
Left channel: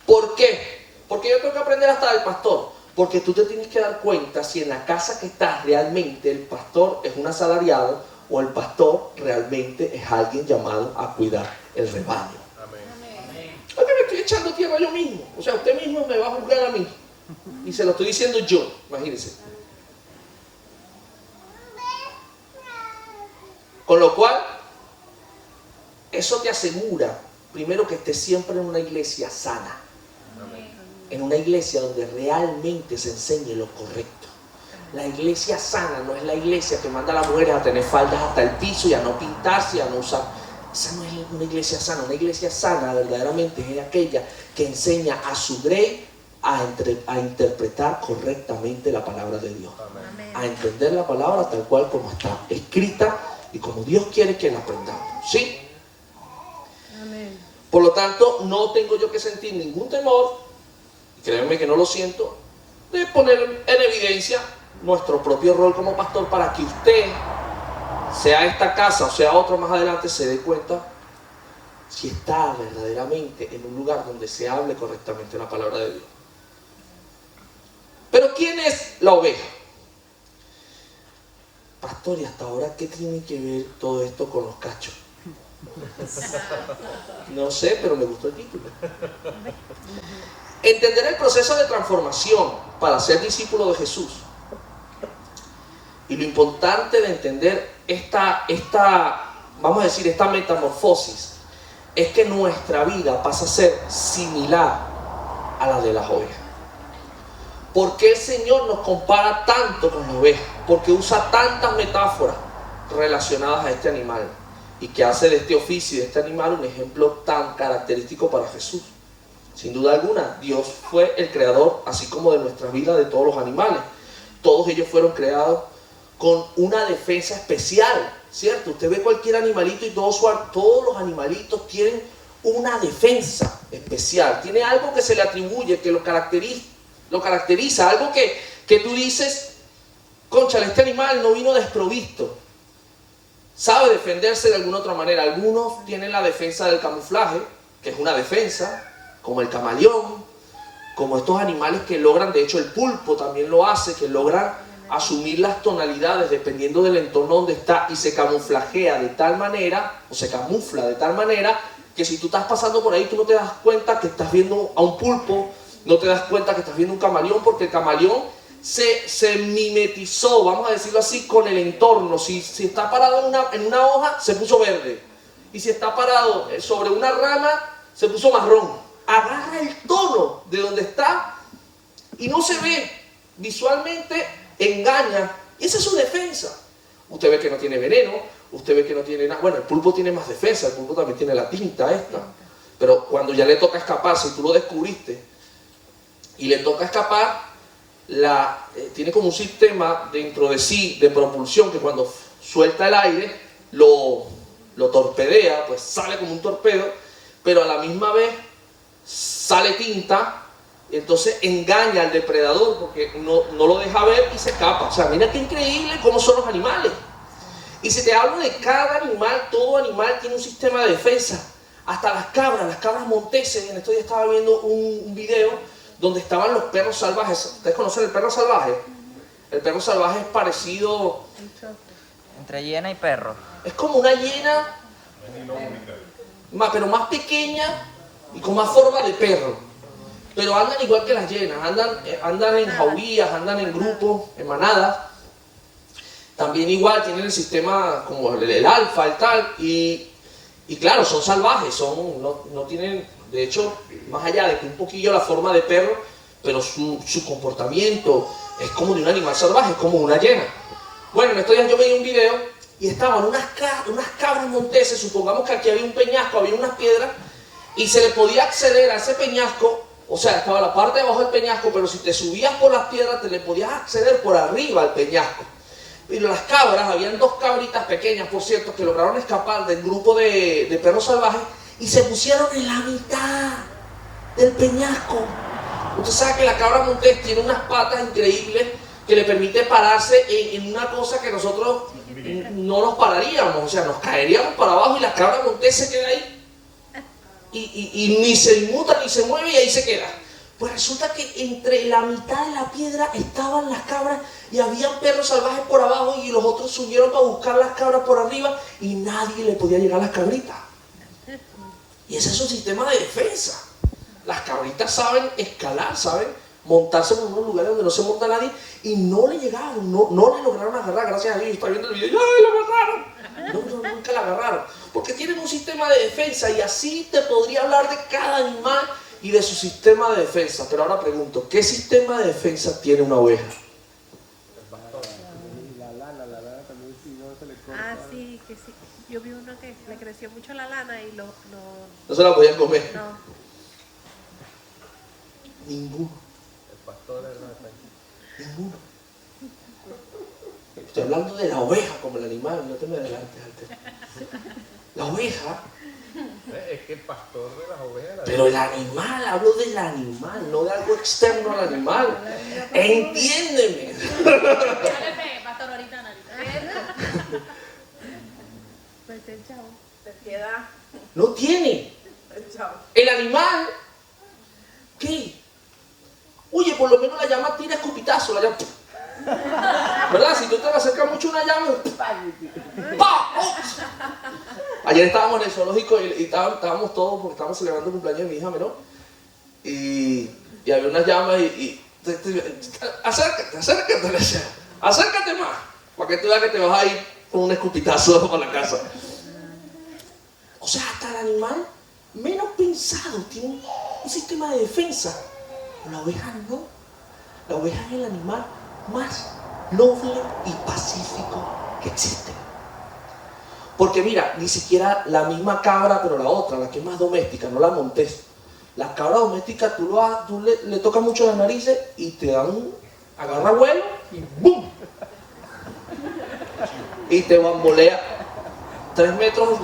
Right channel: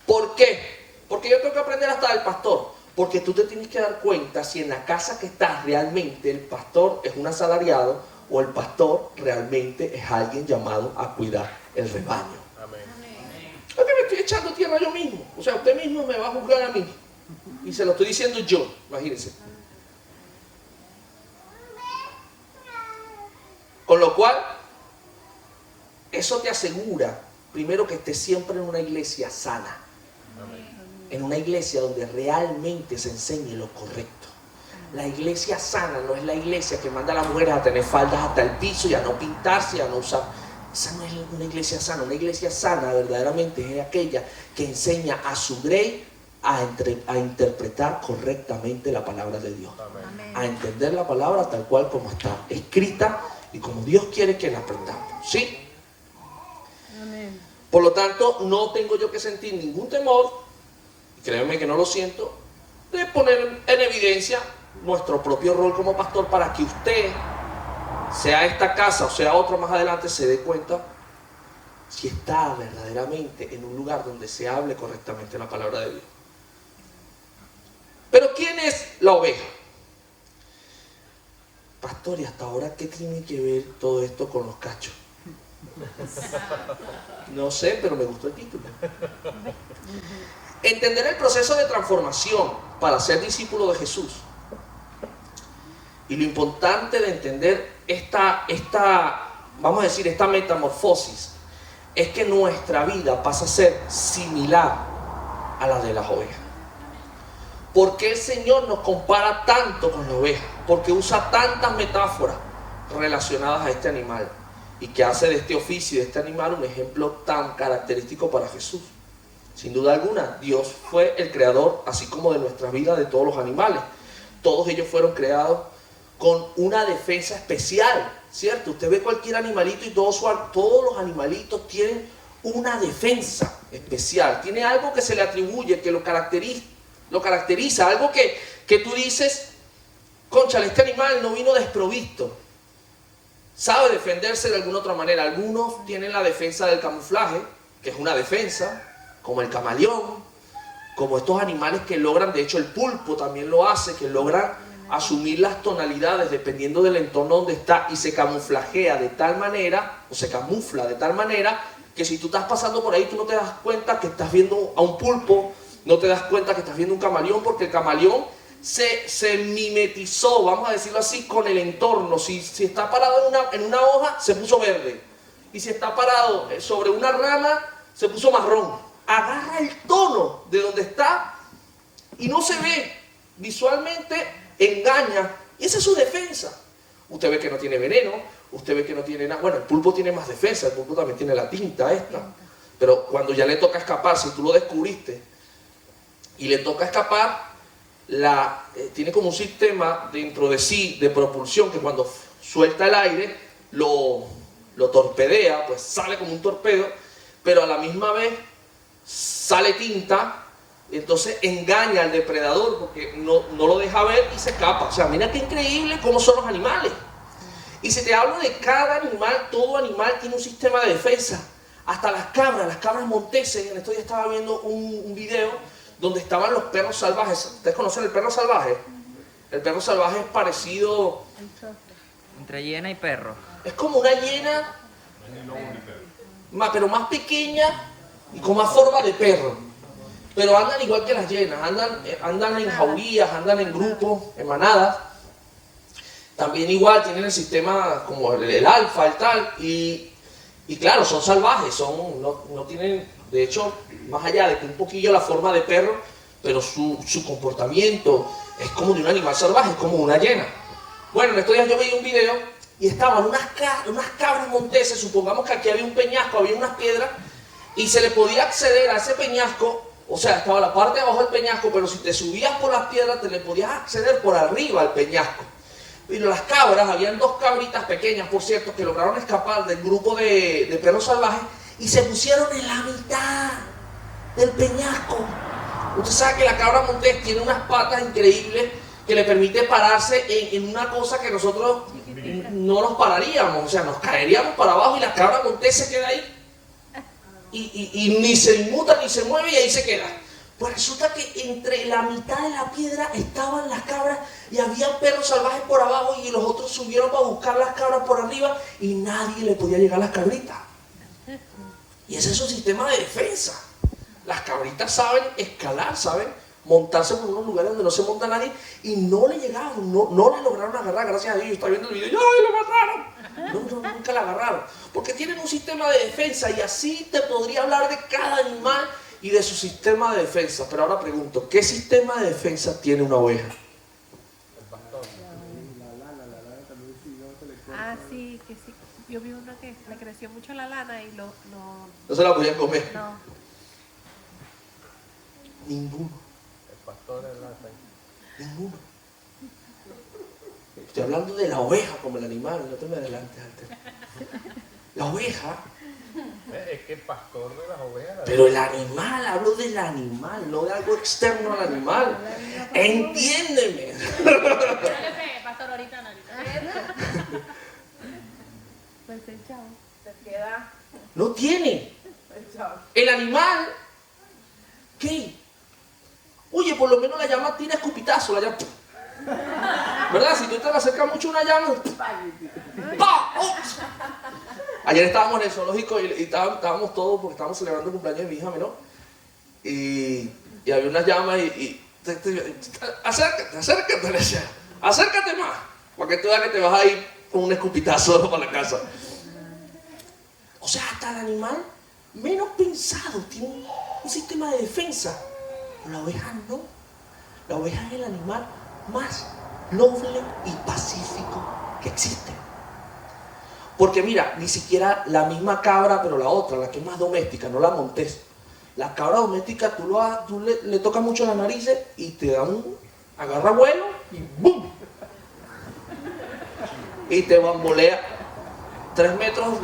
¿Por qué? Porque yo tengo que aprender hasta del pastor. Porque tú te tienes que dar cuenta si en la casa que estás realmente el pastor es un asalariado o el pastor realmente es alguien llamado a cuidar el rebaño. Oye, me estoy echando tierra yo mismo. O sea, usted mismo me va a juzgar a mí. Y se lo estoy diciendo yo, imagínense. Con lo cual, eso te asegura, primero, que estés siempre en una iglesia sana. En una iglesia donde realmente se enseñe lo correcto. La iglesia sana no es la iglesia que manda a las mujeres a tener faldas hasta el piso y a no pintarse y a no usar. Esa no es una iglesia sana. Una iglesia sana verdaderamente es aquella que enseña a su grey a interpretar correctamente la palabra de Dios. A entender la palabra tal cual como está escrita y como Dios quiere que la aprendamos. ¿Sí? Por lo tanto, no tengo yo que sentir ningún temor, créanme que no lo siento, de poner en evidencia nuestro propio rol como pastor para que usted, sea esta casa o sea otra más adelante, se dé cuenta si está verdaderamente en un lugar donde se hable correctamente la palabra de Dios. Pero ¿quién es la oveja? Pastor, ¿y hasta ahora qué tiene que ver todo esto con los cachos? No sé, pero me gustó el título. Entender el proceso de transformación para ser discípulo de Jesús. Y lo importante de entender esta metamorfosis es que nuestra vida pasa a ser similar a la de las ovejas. ¿Por qué el Señor nos compara tanto con la oveja? Porque usa tantas metáforas relacionadas a este animal y que hace de este oficio y de este animal un ejemplo tan característico para Jesús. Sin duda alguna, Dios fue el creador, así como de nuestra vida, de todos los animales. Todos ellos fueron creados con una defensa especial, ¿cierto? Usted ve cualquier animalito y todos los animalitos tienen una defensa especial. Tiene algo que se le atribuye, que lo caracteriza, algo que tú dices, cónchale, este animal no vino desprovisto. Sabe defenderse de alguna otra manera. Algunos tienen la defensa del camuflaje, que es una defensa, como el camaleón, como estos animales que logran, de hecho el pulpo también lo hace, que logran asumir las tonalidades dependiendo del entorno donde está y se camuflajea de tal manera, o se camufla de tal manera, que si tú estás pasando por ahí tú no te das cuenta que estás viendo a un pulpo, no te das cuenta que estás viendo un camaleón, porque el camaleón se mimetizó, vamos a decirlo así, con el entorno. Si está parado en una hoja, se puso verde, y si está parado sobre una rama, se puso marrón. Agarra el tono de donde está y no se ve, visualmente engaña, y esa es su defensa. Usted ve que no tiene veneno, usted ve que no tiene nada. Bueno, el pulpo tiene más defensa, el pulpo también tiene la tinta esta, pero cuando ya le toca escapar, si tú lo descubriste y le toca escapar, tiene como un sistema dentro de sí de propulsión que cuando suelta el aire lo torpedea, pues sale como un torpedo, pero a la misma vez sale tinta, entonces engaña al depredador porque no lo deja ver y se escapa. O sea, mira qué increíble cómo son los animales. Y si te hablo de cada animal, todo animal tiene un sistema de defensa. Hasta las cabras monteses. En estos días estaba viendo un video donde estaban los perros salvajes. ¿Ustedes conocen el perro salvaje? El perro salvaje es parecido... Entre hiena y perro. Es como una hiena, pero más pequeña y con más forma de perro. Pero andan igual que las hienas, andan en jaurías, andan en grupos, en manadas. También igual tienen el sistema como el alfa, el tal, y claro, son salvajes, no tienen, de hecho, más allá de que un poquillo la forma de perro, pero su comportamiento es como de un animal salvaje, es como una hiena. Bueno, en estos días yo veía un video y estaban unas cabras monteses, supongamos que aquí había un peñasco, había unas piedras, y se le podía acceder a ese peñasco, o sea, estaba la parte de abajo del peñasco, pero si te subías por las piedras, te le podías acceder por arriba al peñasco. Pero las cabras, habían 2 cabritas pequeñas, por cierto, que lograron escapar del grupo de perros salvajes y se pusieron en la mitad del peñasco. Usted sabe que la cabra montés tiene unas patas increíbles que le permite pararse en una cosa que nosotros no nos pararíamos, o sea, nos caeríamos para abajo y la cabra montés se queda ahí y ni se inmuta ni se mueve y ahí se queda. Pues resulta que entre la mitad de la piedra estaban las cabras y había perros salvajes por abajo y los otros subieron para buscar las cabras por arriba y nadie le podía llegar a las cabritas. Y ese es su sistema de defensa. Las cabritas saben escalar, saben montarse en unos lugares donde no se monta nadie y no le llegaron, no le lograron agarrar, gracias a Dios. Está viendo el video y ¡ay, lo mataron! No, nunca la agarraron. Porque tienen un sistema de defensa y así te podría hablar de cada animal y de su sistema de defensa. Pero ahora pregunto, ¿qué sistema de defensa tiene una oveja? Ah, sí, que sí. Yo vi uno que le creció mucho la lana y No se la podían comer. no. Ninguno. Estoy hablando de la oveja como el animal, no te me adelantes antes. La oveja. Es que el pastor, la oveja. Pero el animal, hablo del animal, no de algo externo al animal. Entiéndeme. Pastor, ahorita pues el chavo. Te queda No tiene. el chavo. El animal, ¿qué? Oye, por lo menos la llama tira escupitazo, la llama. ¿Verdad? Si tú te le acercas mucho a una llama, ¡pa! ¡Oh! Ayer estábamos en el zoológico y estábamos todos porque estábamos celebrando el cumpleaños de mi hija menor. Y había unas llamas acércate, le decía, acércate más, para que te veas que te vas a ir con un escupitazo a la casa. O sea, hasta el animal menos pensado tiene un sistema de defensa. La oveja no. La oveja es el animal más noble y pacífico que existe. Porque mira, ni siquiera la misma cabra, pero la otra, la que es más doméstica, no la montés. La cabra doméstica, tú le tocas mucho las narices y te da agarra vuelo y ¡bum! Y te bambolea 3 metros,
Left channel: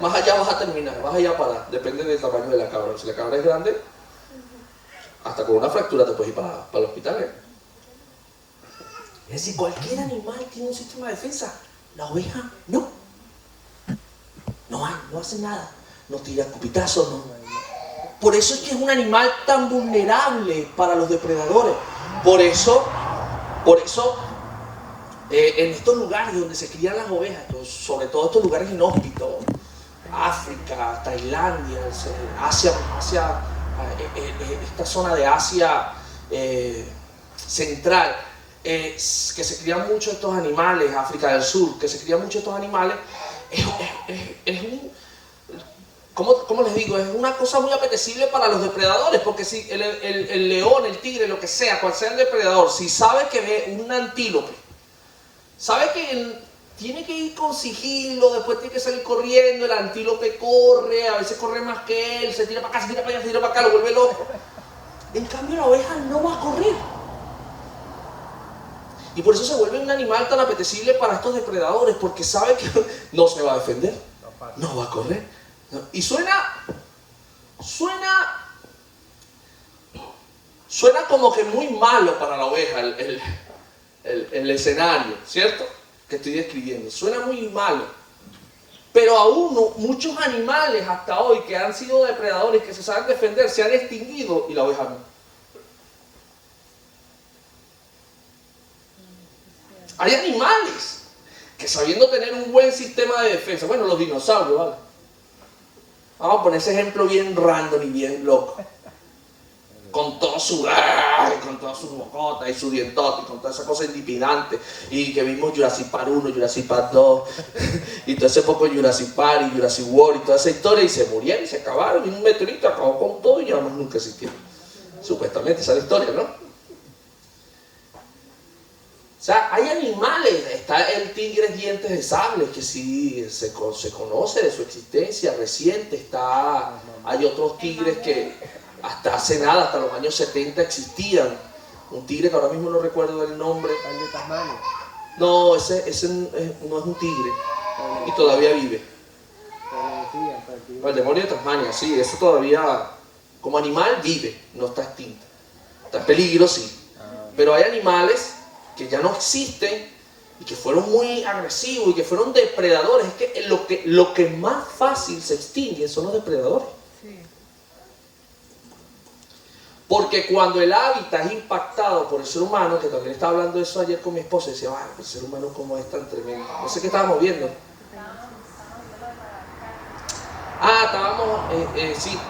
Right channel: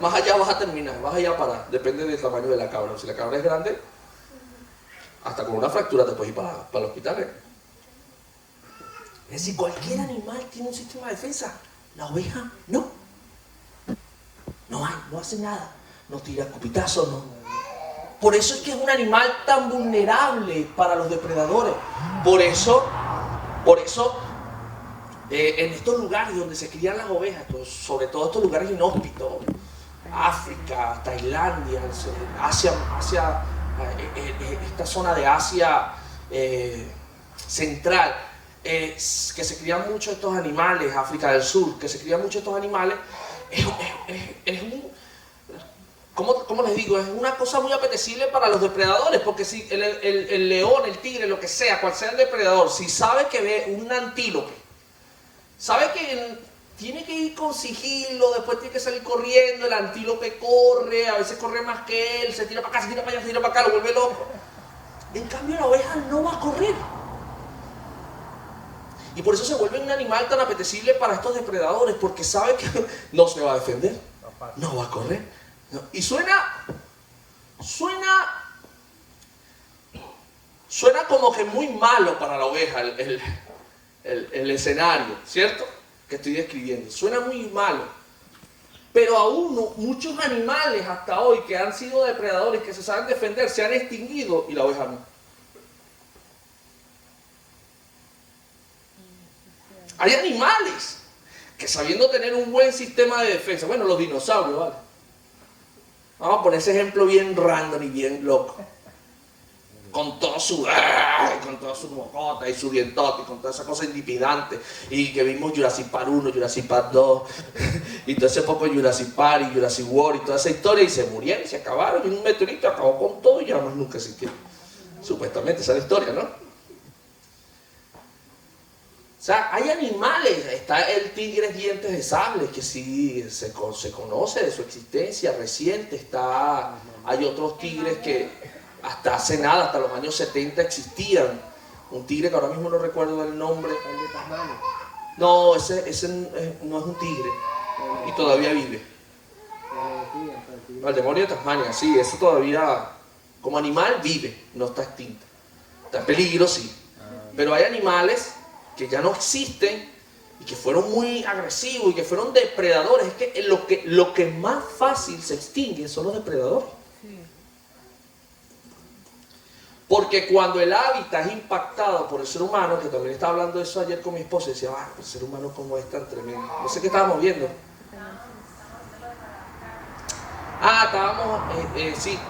más allá vas a terminar, vas allá a parar, depende del tamaño de la cabra. Si la cabra es grande, hasta con una fractura te puedes ir para el hospital. Es decir, cualquier animal tiene un sistema de defensa. La oveja no. No hace nada. No tira escupitazos, no. Por eso es que es un animal tan vulnerable para los depredadores. Por eso, en estos lugares donde se crían las ovejas, sobre todo estos lugares inhóspitos, África, Tailandia, Asia, esta zona de Asia central, que se crían mucho estos animales, África del Sur, que se crían mucho estos animales, ¿cómo les digo? Es una cosa muy apetecible para los depredadores, porque si el león, el tigre, lo que sea, cual sea el depredador, si sabe que ve un antílope, sabe que tiene que ir con sigilo, después tiene que salir corriendo, el antílope corre, a veces corre más que él, se tira para acá, se tira para allá, se tira para acá, lo vuelve loco. En cambio la oveja no va a correr. Y por eso se vuelve un animal tan apetecible para estos depredadores, porque sabe que no se va a defender, no va a correr. Y suena como que muy malo para la oveja el escenario, ¿cierto? Que estoy describiendo. Suena muy malo. Pero aún muchos animales hasta hoy que han sido depredadores, que se saben defender, se han extinguido y la oveja no. Hay animales que sabiendo tener un buen sistema de defensa, bueno, los dinosaurios, ¿vale? Vamos a poner ese ejemplo bien random y bien loco. Con todo su... con toda su bocota y su dientote y con toda esa cosa intimidante. Y que vimos Jurassic Park 1, Jurassic Park 2 y todo ese poco Jurassic Park y Jurassic World y toda esa historia y se murieron y se acabaron. Vino un meteorito, acabó con todo y ya más nunca existieron. Supuestamente, esa es la historia, ¿no? O sea, hay animales, está el tigre dientes de sable, que sí se conoce de su existencia reciente, hay otros tigres que hasta hace nada, hasta los años 70 existían. Un tigre que ahora mismo no recuerdo el nombre. No, ese no es un tigre y todavía vive. El demonio de Tasmania, sí, eso todavía como animal vive, no está extinto. Está en peligro, sí. Pero hay animales que ya no existen y que fueron muy agresivos y que fueron depredadores. Es que lo que más fácil se extingue son los depredadores. Sí. Porque cuando el hábitat es impactado por el ser humano, que también estaba hablando de eso ayer con mi esposa, y decía, el ser humano cómo es tan tremendo. No sé qué estábamos viendo.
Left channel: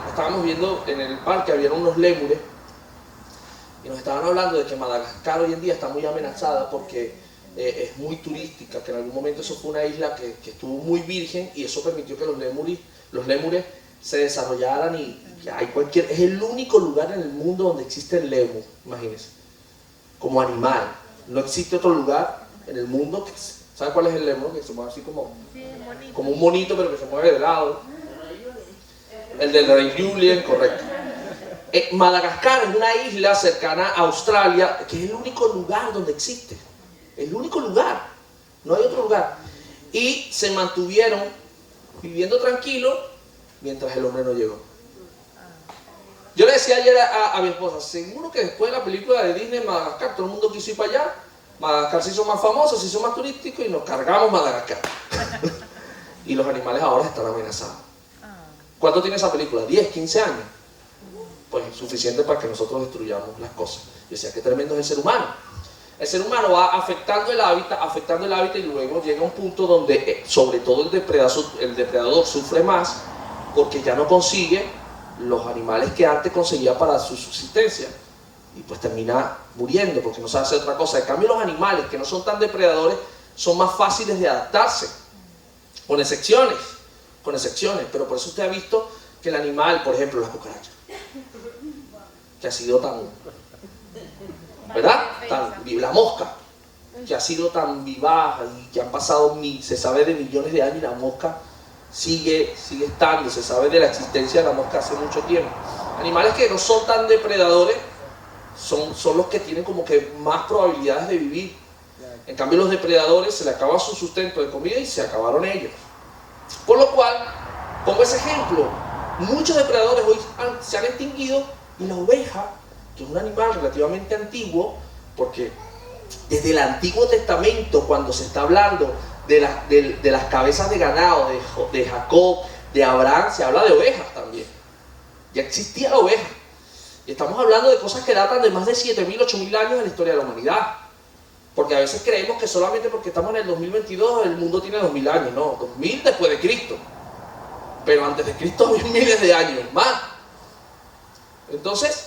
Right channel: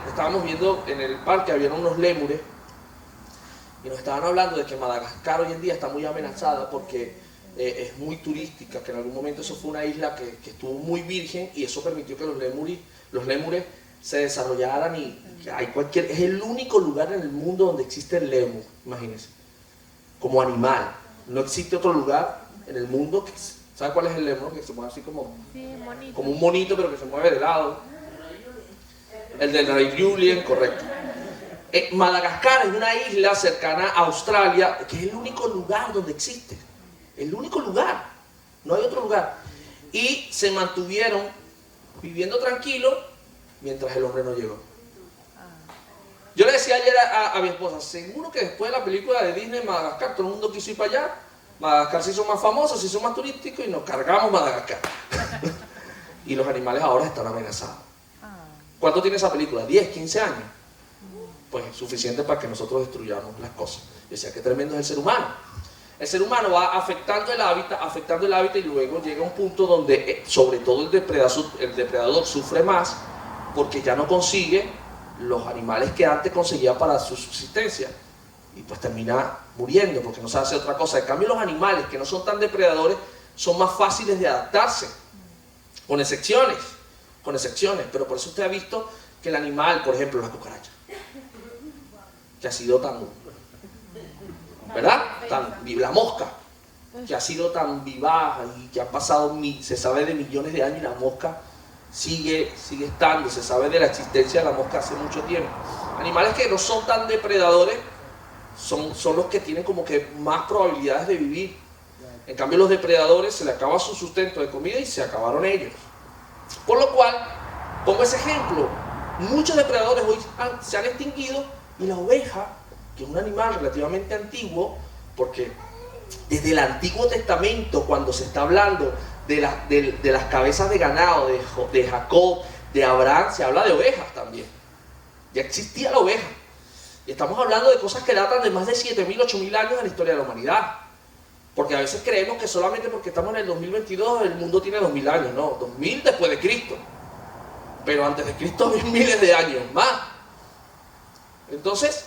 Estábamos viendo en el parque, había unos lémures, y nos estaban hablando de que Madagascar hoy en día está muy amenazada porque es muy turística, que en algún momento eso fue una isla que estuvo muy virgen y eso permitió que los lémures se desarrollaran y es el único lugar en el mundo donde existe el lémur, imagínense, como animal. No existe otro lugar en el mundo que, ¿sabe cuál es el lémur? Que se mueve así como un monito, pero que se mueve de lado. El del Rey Julien, correcto. Madagascar es una isla cercana a Australia, que es el único lugar donde existe. El único lugar. No hay otro lugar. Y se mantuvieron viviendo tranquilos mientras el hombre no llegó. Yo le decía ayer a mi esposa, seguro que después de la película de Disney, Madagascar, todo el mundo quiso ir para allá. Madagascar se hizo más famoso, se hizo más turístico y nos cargamos Madagascar. Y los animales ahora están amenazados. ¿Cuánto tiene esa película? ¿10, 15 años? Pues suficiente para que nosotros destruyamos las cosas. Yo decía, qué tremendo es el ser humano. El ser humano va afectando el hábitat y luego llega a un punto donde sobre todo el depredador sufre más porque ya no consigue los animales que antes conseguía para su subsistencia y pues termina muriendo porque no sabe hacer otra cosa. En cambio los animales que no son tan depredadores son más fáciles de adaptarse, con excepciones, pero por eso usted ha visto que el animal, por ejemplo la cucaracha, que ha sido tan, ¿verdad? La mosca, que ha sido tan vivaz y que han pasado, se sabe de millones de años y la mosca sigue estando, se sabe de la existencia de la mosca hace mucho tiempo. Animales que no son tan depredadores son los que tienen como que más probabilidades de vivir. En cambio los depredadores se les acaba su sustento de comida y se acabaron ellos. Por lo cual, pongo ese ejemplo, muchos depredadores hoy se han extinguido y la oveja, que es un animal relativamente antiguo, porque desde el Antiguo Testamento, cuando se está hablando de las cabezas de ganado, de Jacob, de Abraham, se habla de ovejas también. Ya existía la oveja. Estamos hablando de cosas que datan de más de 7.000, 8.000 años en la historia de la humanidad. Porque a veces creemos que solamente porque estamos en el 2022 el mundo tiene 2.000 años. No, 2.000 después de Cristo. Pero antes de Cristo miles de años más. Entonces,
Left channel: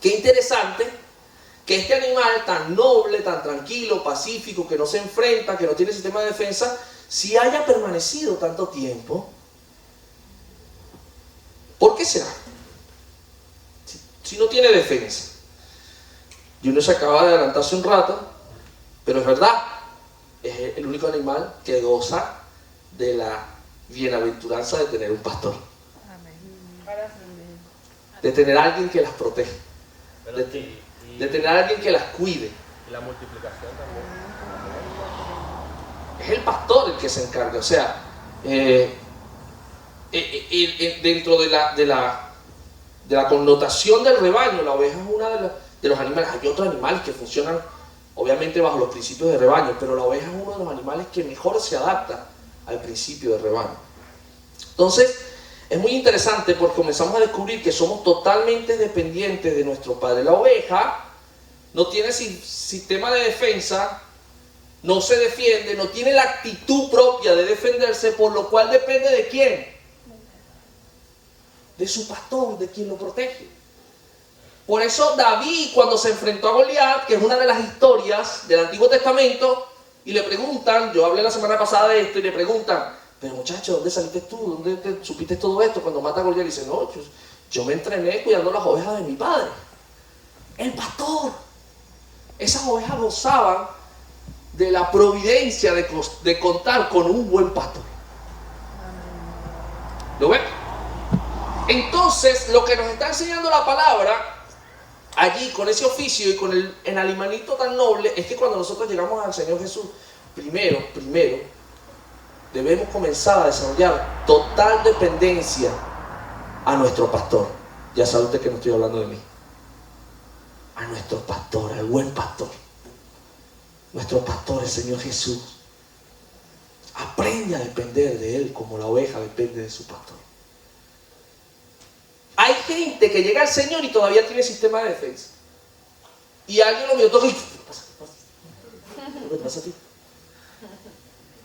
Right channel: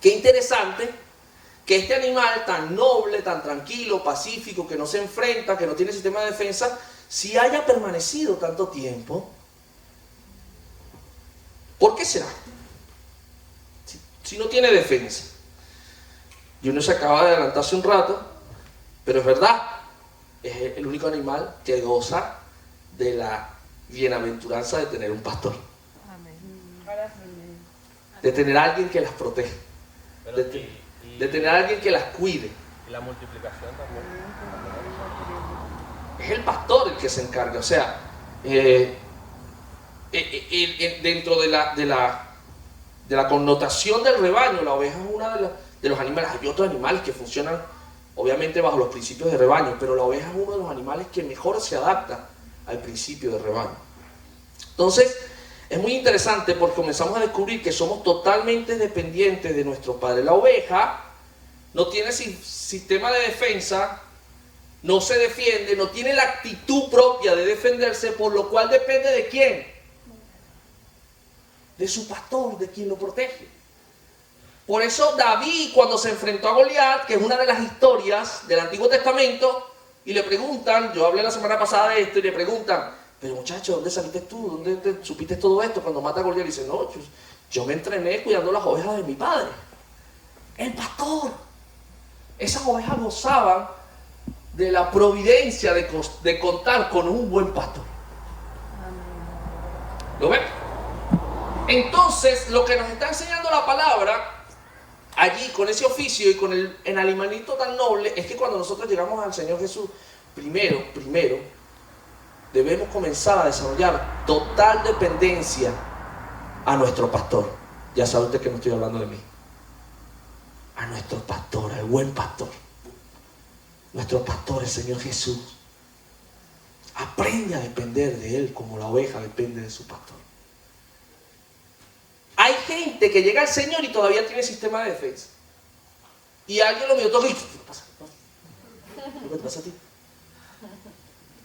qué interesante que este animal tan noble, tan tranquilo, pacífico, que no se enfrenta, que no tiene sistema de defensa, si haya permanecido tanto tiempo. ¿Por qué será? Si no tiene defensa. Y uno se acaba de adelantarse un rato, pero es verdad, es el único animal que goza de la bienaventuranza de tener un pastor. De tener a alguien que las protege. De tener a alguien que las cuide. La multiplicación. Es el pastor el que se encarga. O sea, dentro de la connotación del rebaño, la oveja es uno de los animales. Hay otros animales que funcionan obviamente bajo los principios de rebaño, pero la oveja es uno de los animales que mejor se adapta al principio de rebaño. Entonces, es muy interesante porque comenzamos a descubrir que somos totalmente dependientes de nuestro padre. La oveja no tiene sistema de defensa, no se defiende, no tiene la actitud propia de defenderse, por lo cual depende de ¿quién? de su pastor, de quien lo protege. Por eso David, cuando se enfrentó a Goliat, que es una de las historias del Antiguo Testamento, y le preguntan, yo hablé la semana pasada de esto, y le preguntan, pero muchacho, ¿dónde saliste tú? ¿Dónde te supiste todo esto cuando mata a Goliat? Y dice, no, yo me entrené cuidando las ovejas de mi padre. El pastor. Esas ovejas gozaban de la providencia de contar con un buen pastor. ¿Lo ven? Entonces, lo que nos está enseñando la palabra allí, con ese oficio y con el animalito tan noble, es que cuando nosotros llegamos al Señor Jesús, primero, debemos comenzar a desarrollar total dependencia a nuestro pastor. Ya sabe usted que no estoy hablando de mí. A nuestro pastor, al buen pastor. Nuestro pastor, el Señor Jesús. Aprende a depender de Él como la oveja depende de su pastor. Hay gente que llega al Señor y todavía tiene sistema de defensa. Y alguien lo vio todo y... ¿Qué pasa? ¿Qué pasa a ti?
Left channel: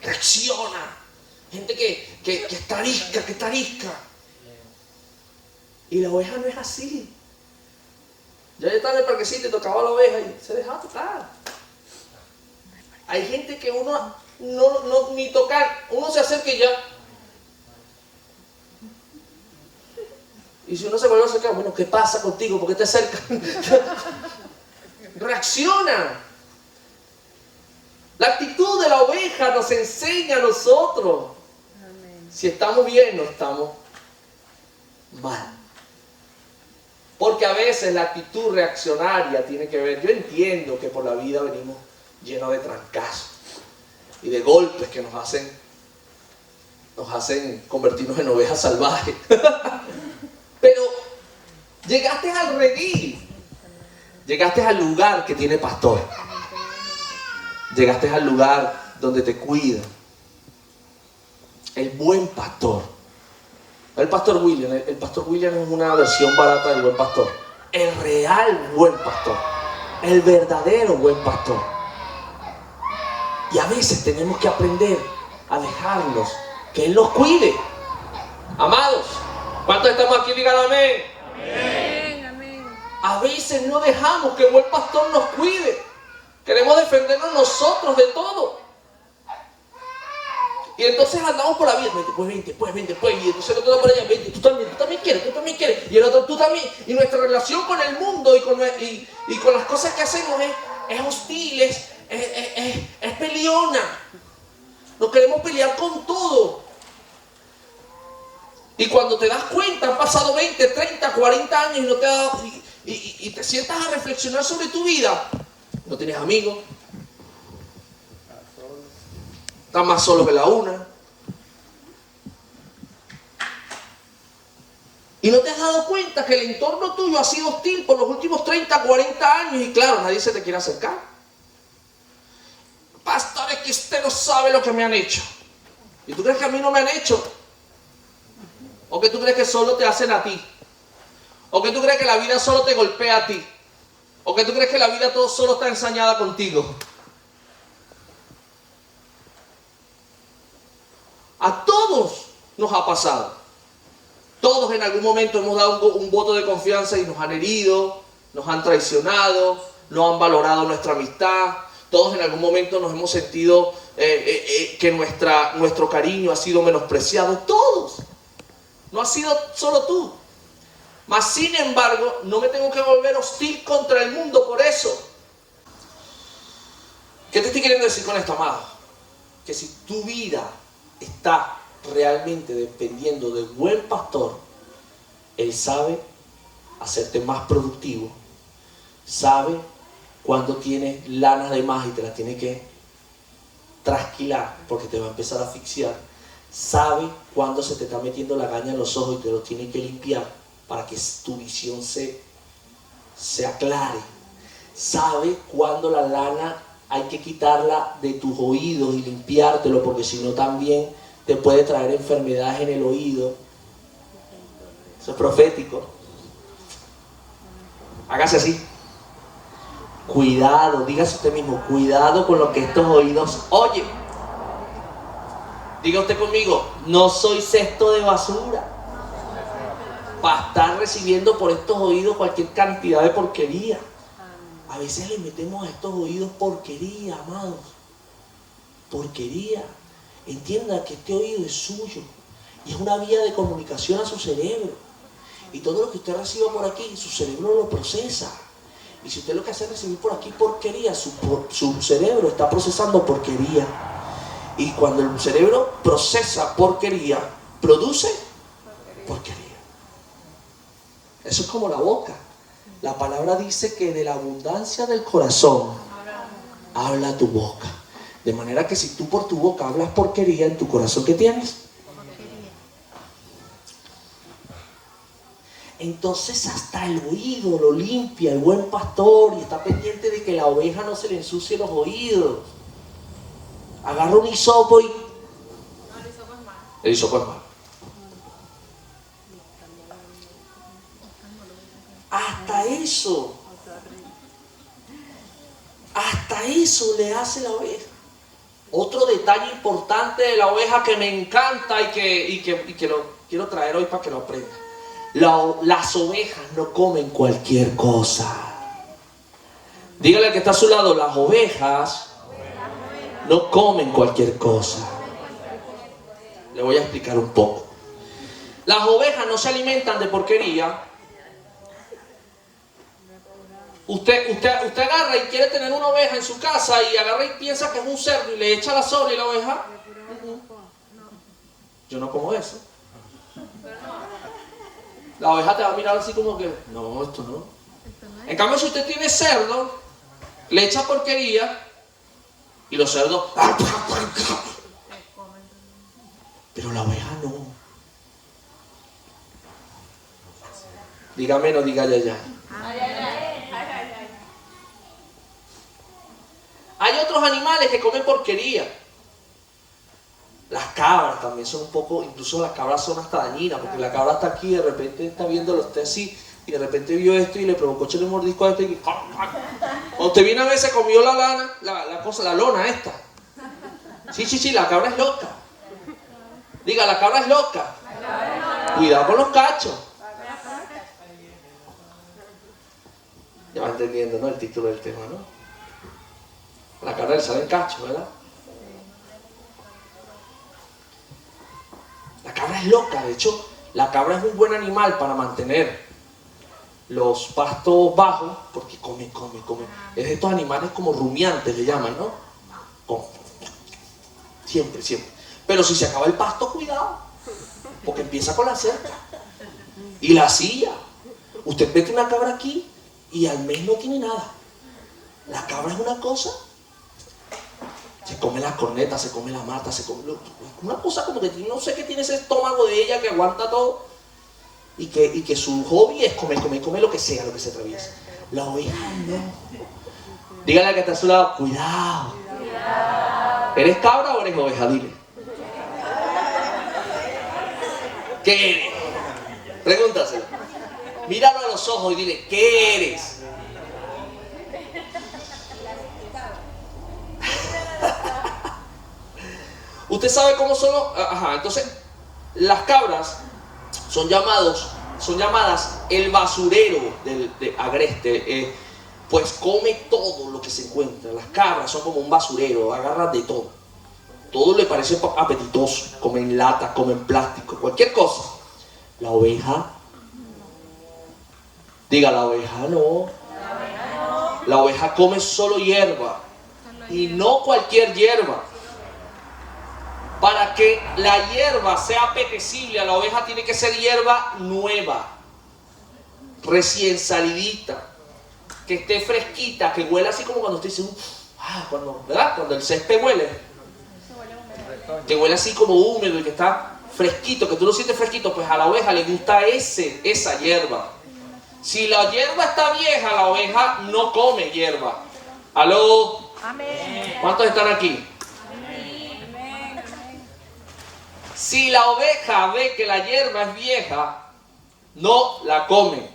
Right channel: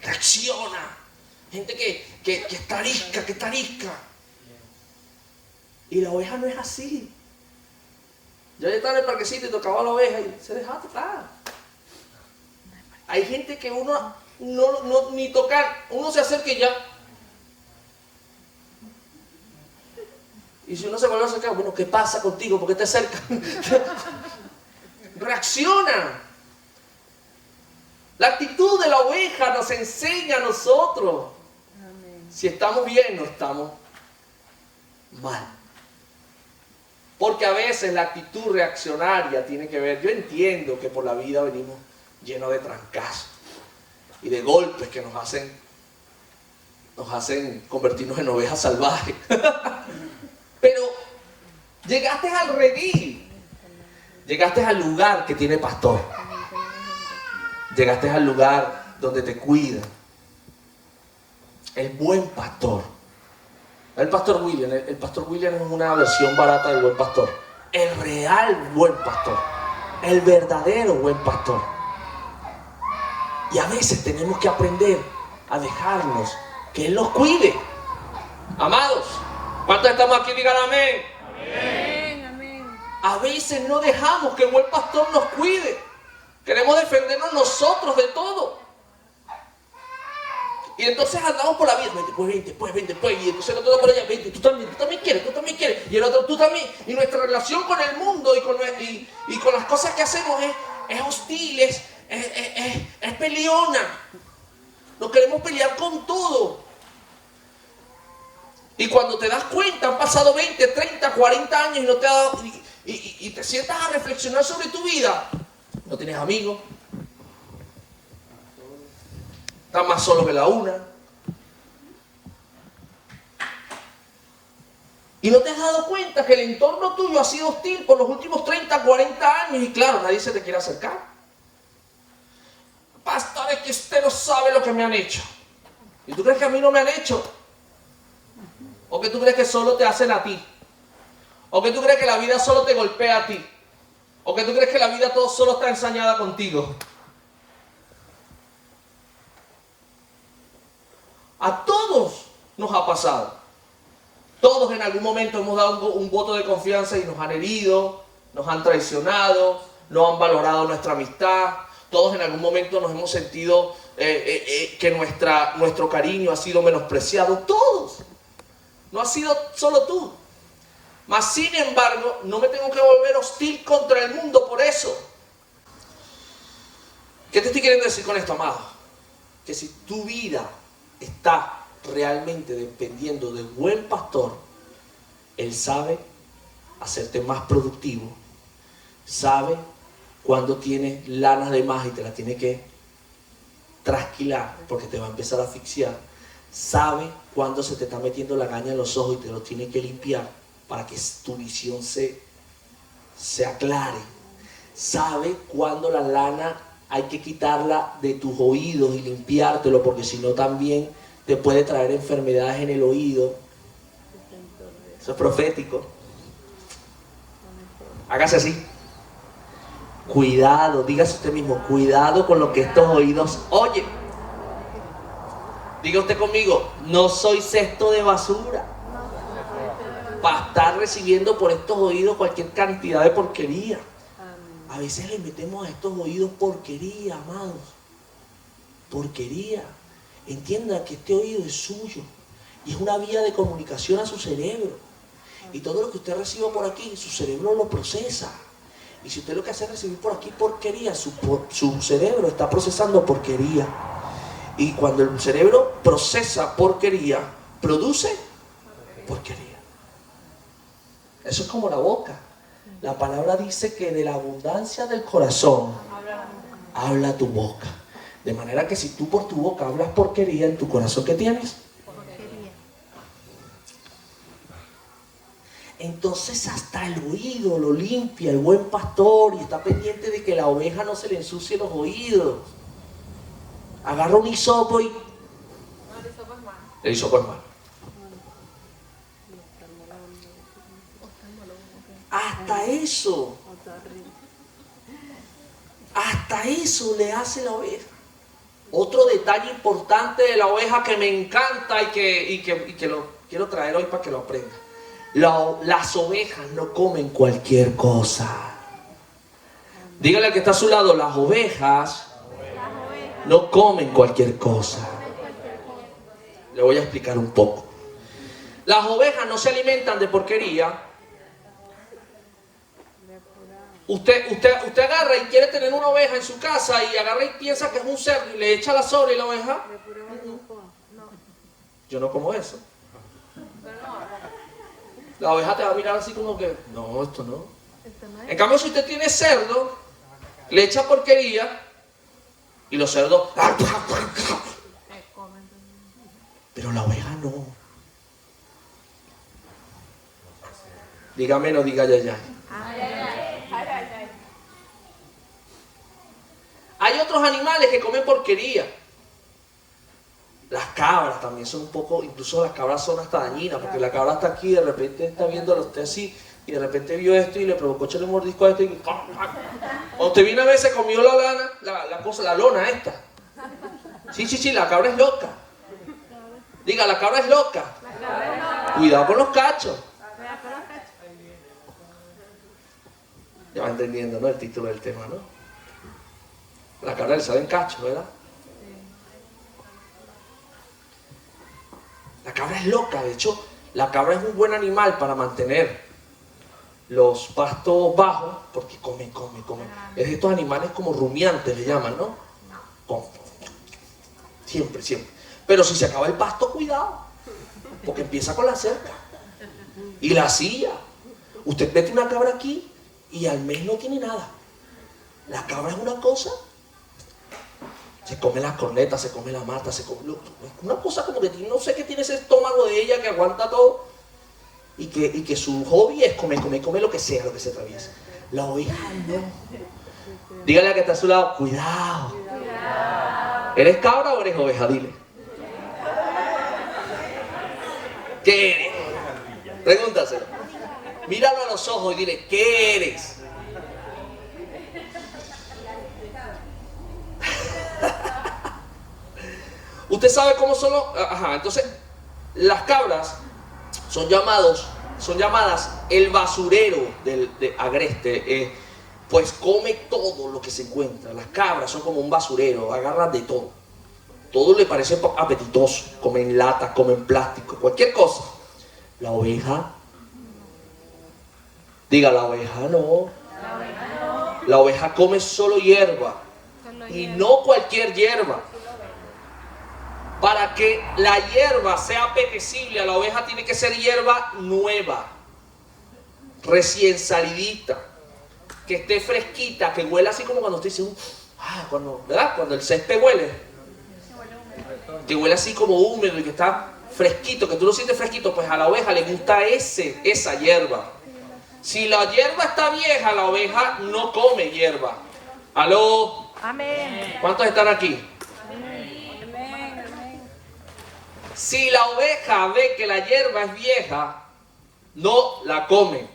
Reacciona. Gente que está arisca. Y la oveja no es así. Yo ya estaba en el parquecito y tocaba a la oveja y se dejaba tocar. Hay gente que uno no ni tocar, uno se acerca y ya. Y si uno se vuelve a acercar, bueno, ¿qué pasa contigo? ¿Por qué te acercas? Reaccionan. La actitud de la oveja nos enseña a nosotros si estamos bien o estamos mal. Porque a veces la actitud reaccionaria tiene que ver, yo entiendo que por la vida venimos llenos de trancazos y de golpes que nos hacen convertirnos en ovejas salvajes. Pero llegaste al redil, llegaste al lugar que tiene pastor, llegaste al lugar donde te cuida el buen pastor. El pastor William es una versión barata del buen pastor. El real buen pastor, el verdadero buen pastor. Y a veces tenemos que aprender a dejarnos que Él nos cuide. Amados, ¿cuántos estamos aquí? Digan amén. Amén. A veces no dejamos que el buen pastor nos cuide. Queremos defendernos nosotros de todo. Y entonces andamos por la vida, vente, y entonces el otro por allá, vente, tú también quieres, y el otro tú también. Y nuestra relación con el mundo y con las cosas que hacemos es hostil, es peleona. Nos queremos pelear con todo. Y cuando te das cuenta, han pasado 20, 30, 40 años y no te has dado, y te sientas a reflexionar sobre tu vida. No tienes amigos. Estás más solo que la una. Y no te has dado cuenta que el entorno tuyo ha sido hostil por los últimos 30, 40 años y claro, nadie se te quiere acercar. Pastor, es que usted no sabe lo que me han hecho. ¿Y tú crees que a mí no me han hecho? ¿O que tú crees que solo te hacen a ti? ¿O que tú crees que la vida solo te golpea a ti? ¿O que tú crees que la vida todo solo está ensañada contigo? A todos nos ha pasado. Todos en algún momento hemos dado un voto de confianza y nos han herido, nos han traicionado, no han valorado nuestra amistad. Todos en algún momento nos hemos sentido que nuestro cariño ha sido menospreciado. Todos. No ha sido solo tú. Mas sin embargo, no me tengo que volver hostil contra el mundo por eso. ¿Qué te estoy queriendo decir con esto, amado? Que si tu vida está realmente dependiendo del buen pastor, Él sabe hacerte más productivo, sabe cuando tienes lana de más y te la tiene que trasquilar porque te va a empezar a asfixiar, sabe cuando se te está metiendo la caña en los ojos y te los tiene que limpiar para que tu visión se aclare, sabe cuando la lana hay que quitarla de tus oídos y limpiártelo, porque si no también te puede traer enfermedades en el oído. Eso es profético. Hágase así. Cuidado, dígase usted mismo, cuidado con lo que estos oídos oyen. Diga usted conmigo, no soy cesto de basura. para estar recibiendo por estos oídos cualquier cantidad de porquería. A veces le metemos a estos oídos porquería, amados. Porquería. Entienda que este oído es suyo y es una vía de comunicación a su cerebro. Y todo lo que usted reciba por aquí, su cerebro lo procesa. Y si usted lo que hace es recibir por aquí porquería, su cerebro está procesando porquería. Y cuando el cerebro procesa porquería, produce porquería. Eso es como la boca. La palabra dice que de la abundancia del corazón habla tu boca. De manera que si tú por tu boca hablas porquería, en tu corazón, ¿qué tienes? Entonces hasta el oído lo limpia el buen pastor y está pendiente de que la oveja no se le ensucie los oídos. Agarra un hisopo y... El hisopo es malo. Hasta eso le hace la oveja. Otro detalle importante de la oveja que me encanta y que lo quiero traer hoy para que lo aprendan. Las ovejas no comen cualquier cosa. Dígale al que está a su lado, las ovejas no comen cualquier cosa. Le voy a explicar un poco. Las ovejas no se alimentan de porquería. Usted agarra y quiere tener una oveja en su casa y agarra y piensa que es un cerdo y le echa la sobra y la oveja. Yo no como eso. La oveja te va a mirar así como que, no, esto no. En cambio, si usted tiene cerdo, le echa porquería y los cerdos... Pero la oveja no. Dígame, no diga ya. Hay otros animales que comen porquería. Las cabras también son un poco, incluso las cabras son hasta dañinas, porque la cabra está aquí y de repente está viéndolo usted así, y de repente vio esto y le provocó echarle un mordisco a esto y... O usted viene a ver, se comió la lana, la lona esta. Sí, la cabra es loca. Diga, la cabra es loca. Cuidado con los cachos. Ya va entendiendo, ¿no? El título del tema, ¿no? La cabra le salen cachos, ¿verdad? La cabra es loca, de hecho, la cabra es un buen animal para mantener los pastos bajos, porque come. Es de estos animales como rumiantes, le llaman, ¿no? Come. Siempre. Pero si se acaba el pasto, cuidado, porque empieza con la cerca y la silla. Usted mete una cabra aquí y al mes no tiene nada. La cabra es una cosa. Se come las cornetas, se come la mata, se come... Una cosa como que no sé qué tiene ese estómago de ella que aguanta todo y que su hobby es comer lo que sea, lo que se atraviesa. La oveja no. Dígale a que está a su lado, cuidado. ¿Eres cabra o eres oveja? Dile. ¿Qué eres? Pregúntaselo. Míralo a los ojos y dile, ¿qué eres? Usted sabe cómo son los... entonces, las cabras son llamadas el basurero de Agreste. Pues come todo lo que se encuentra. Las cabras son como un basurero, agarran de todo. Todo le parece apetitoso. Comen lata, comen plástico, cualquier cosa. La oveja... Diga, la oveja no. La oveja come solo hierba. Y no cualquier hierba. Para que la hierba sea apetecible a la oveja tiene que ser hierba nueva, recién salidita, que esté fresquita, que huela así como cuando usted dice, ¿verdad? Cuando el césped huele, que huele así como húmedo y que está fresquito, que tú lo sientes fresquito, pues a la oveja le gusta esa hierba. Si la hierba está vieja, la oveja no come hierba. ¿Aló? Amén. ¿Cuántos están aquí? Si la oveja ve que la hierba es vieja, no la come.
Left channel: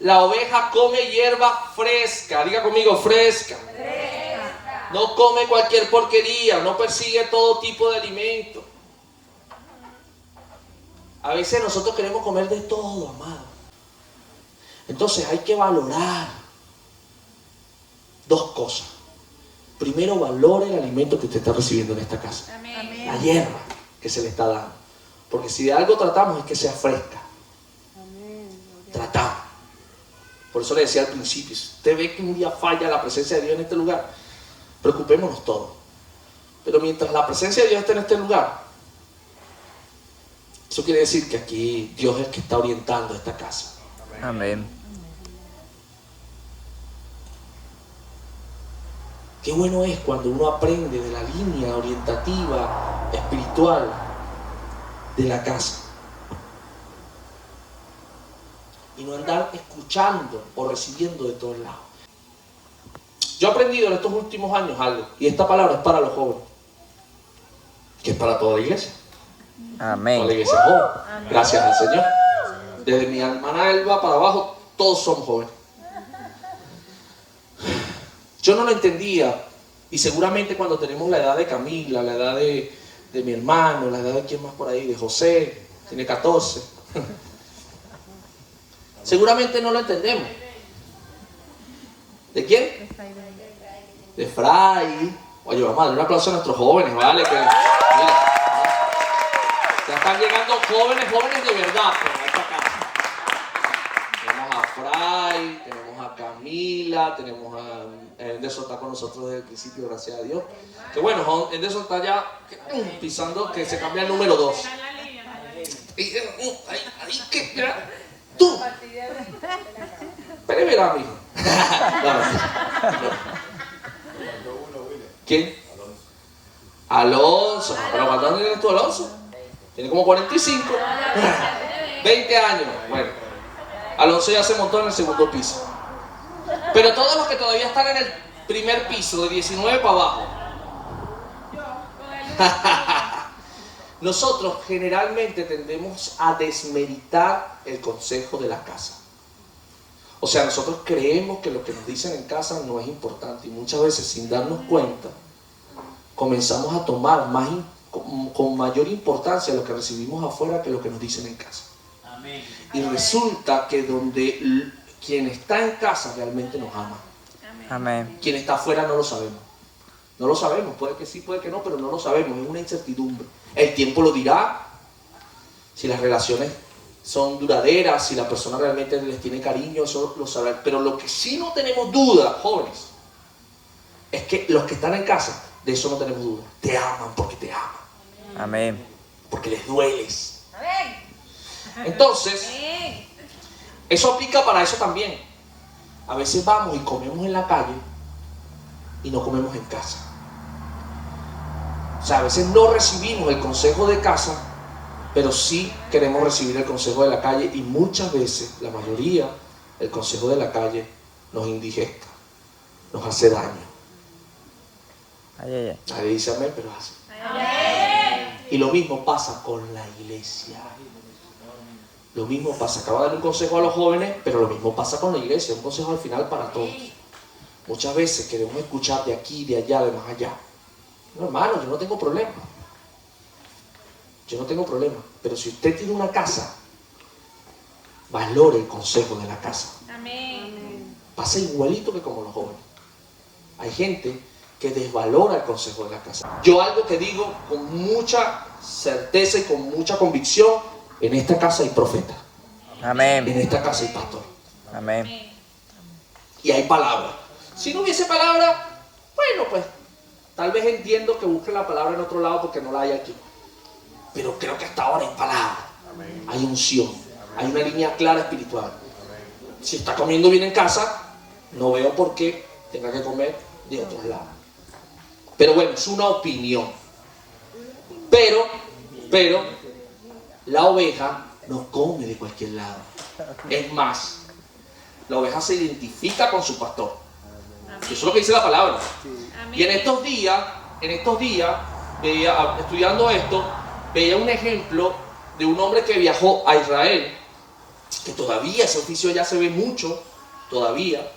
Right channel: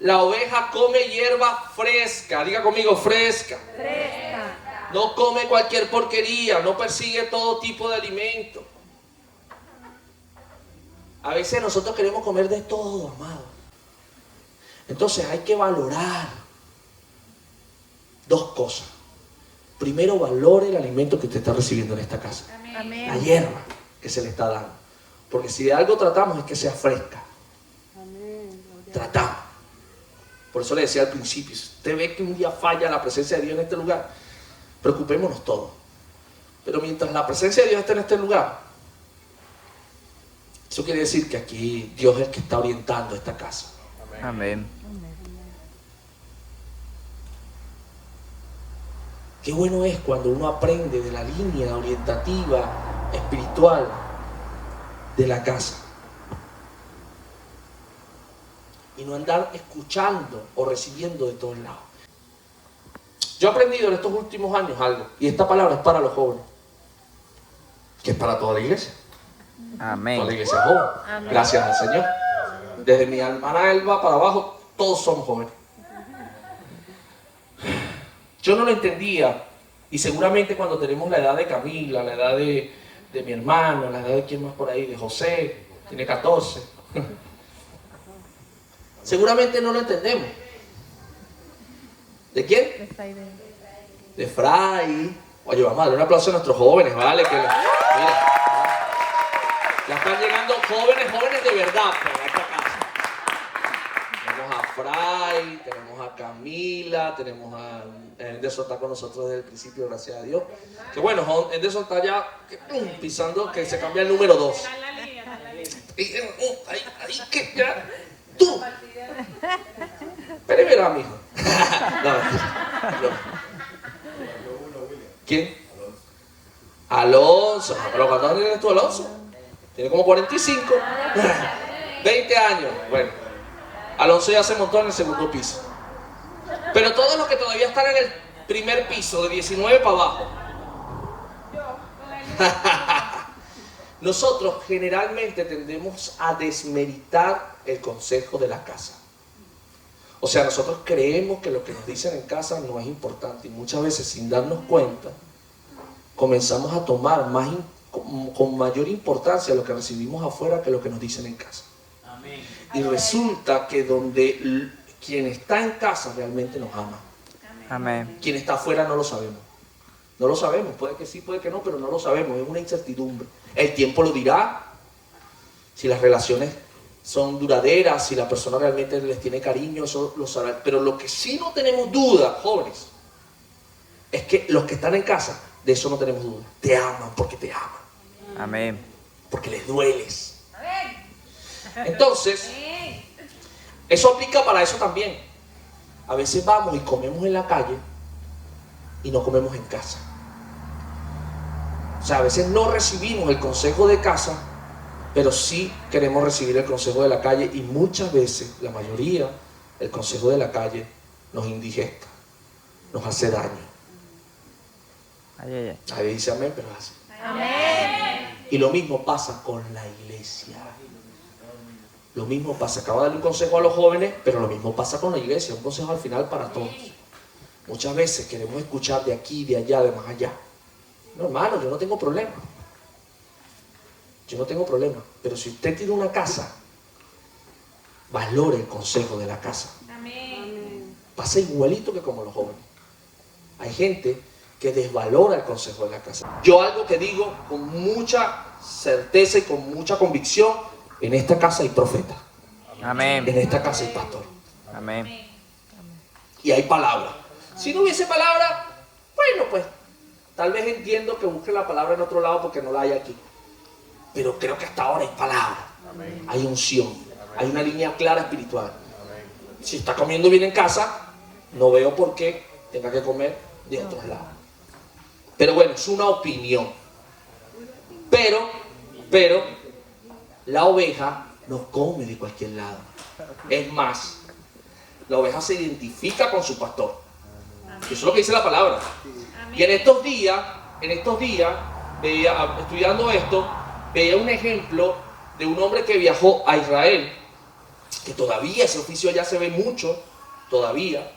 La oveja come hierba fresca. Diga conmigo, fresca. No come cualquier porquería, no persigue todo tipo de alimento. A veces nosotros queremos comer de todo, amado. Entonces hay que valorar dos cosas. Primero, valore el alimento que usted está recibiendo en esta casa. Amén. La hierba que se le está dando. Porque si de algo tratamos es que sea fresca. Tratamos. Por eso le decía al principio, si usted ve que un día falla la presencia de Dios en este lugar, preocupémonos todos. Pero mientras la presencia de Dios esté en este lugar, eso quiere decir que aquí Dios es el que está orientando esta casa. Amén. Qué bueno es cuando uno aprende de la línea orientativa, espiritual de la casa. Y no andar escuchando o recibiendo de todos lados. Yo he aprendido en estos últimos años algo, y esta palabra es para los jóvenes, que es para toda la iglesia. Amén. Toda la iglesia joven. Gracias al Señor. Desde mi hermana Elba para abajo, todos somos jóvenes. Yo no lo entendía, y seguramente cuando tenemos la edad de Camila, la edad de mi hermano, la edad de quién más por ahí, de José, tiene 14. Seguramente no lo entendemos. ¿De quién? De Fray. Oye, vamos a darle un aplauso a nuestros jóvenes, ¿vale? Que, mira, ya están llegando jóvenes de verdad por esta casa. Tenemos a Fray, tenemos a Camila, tenemos a Anderson está con nosotros desde el principio, gracias a Dios. Que bueno, Anderson está ya pisando que se cambia el número 2. Ahí que ya. ¡Tú! Pero verá, mijo. ¿Quién? Alonso. ¿Pero cuántos años tienes tú, Alonso? Tiene como 45. 20 años. Bueno, Alonso ya se montó en el segundo piso. Pero todos los que todavía están en el primer piso, de 19 para abajo. Nosotros generalmente tendemos a desmeritar el consejo de la casa. O sea, nosotros creemos que lo que nos dicen en casa no es importante y muchas veces sin darnos cuenta comenzamos a tomar con mayor importancia lo que recibimos afuera que lo que nos dicen en casa. Amén. Y resulta que donde quien está en casa realmente nos ama. Amén. Quien está afuera no lo sabemos. No lo sabemos, puede que sí, puede que no, pero no lo sabemos, es una incertidumbre. El tiempo lo dirá, si las relaciones son duraderas, si la persona realmente les tiene cariño, eso lo sabrán. Pero lo que sí no tenemos duda, jóvenes, es que los que están en casa, de eso no tenemos duda. Te aman porque te aman. Amén. Porque les dueles. Entonces, eso aplica para eso también. A veces vamos y comemos en la calle y no comemos en casa. O sea, a veces no recibimos el consejo de casa, pero sí queremos recibir el consejo de la calle y muchas veces, la mayoría, el consejo de la calle nos indigesta, nos hace daño. Ay, ay, ay. Nadie dice amén, pero hace. Amén. Y lo mismo pasa con la iglesia. Lo mismo pasa, acaba de darle un consejo a los jóvenes, pero lo mismo pasa con la iglesia, un consejo al final para todos. Muchas veces queremos escuchar de aquí, de allá, de más allá. No, hermano, yo no tengo problema. Yo no tengo problema. Pero si usted tiene una casa, valore el consejo de la casa. Amén. Pasa igualito que como los jóvenes. Hay gente que desvalora el consejo de la casa. Yo algo que digo con mucha certeza y con mucha convicción, en esta casa hay profeta. Amén. En esta casa hay pastor. Amén. Y hay palabra. Si no hubiese palabra, bueno, pues tal vez entiendo que busquen la palabra en otro lado porque no la hay aquí. Pero creo que hasta ahora hay palabra. Hay unción. Hay una línea clara espiritual. Si está comiendo bien en casa, no veo por qué tenga que comer de otros lados. Pero bueno, es una opinión. Pero la oveja no come de cualquier lado. Es más, la oveja se identifica con su pastor. Eso es lo que dice la palabra. Y en estos días, veía, estudiando esto, veía un ejemplo de un hombre que viajó a Israel, que todavía ese oficio ya se ve mucho, todavía,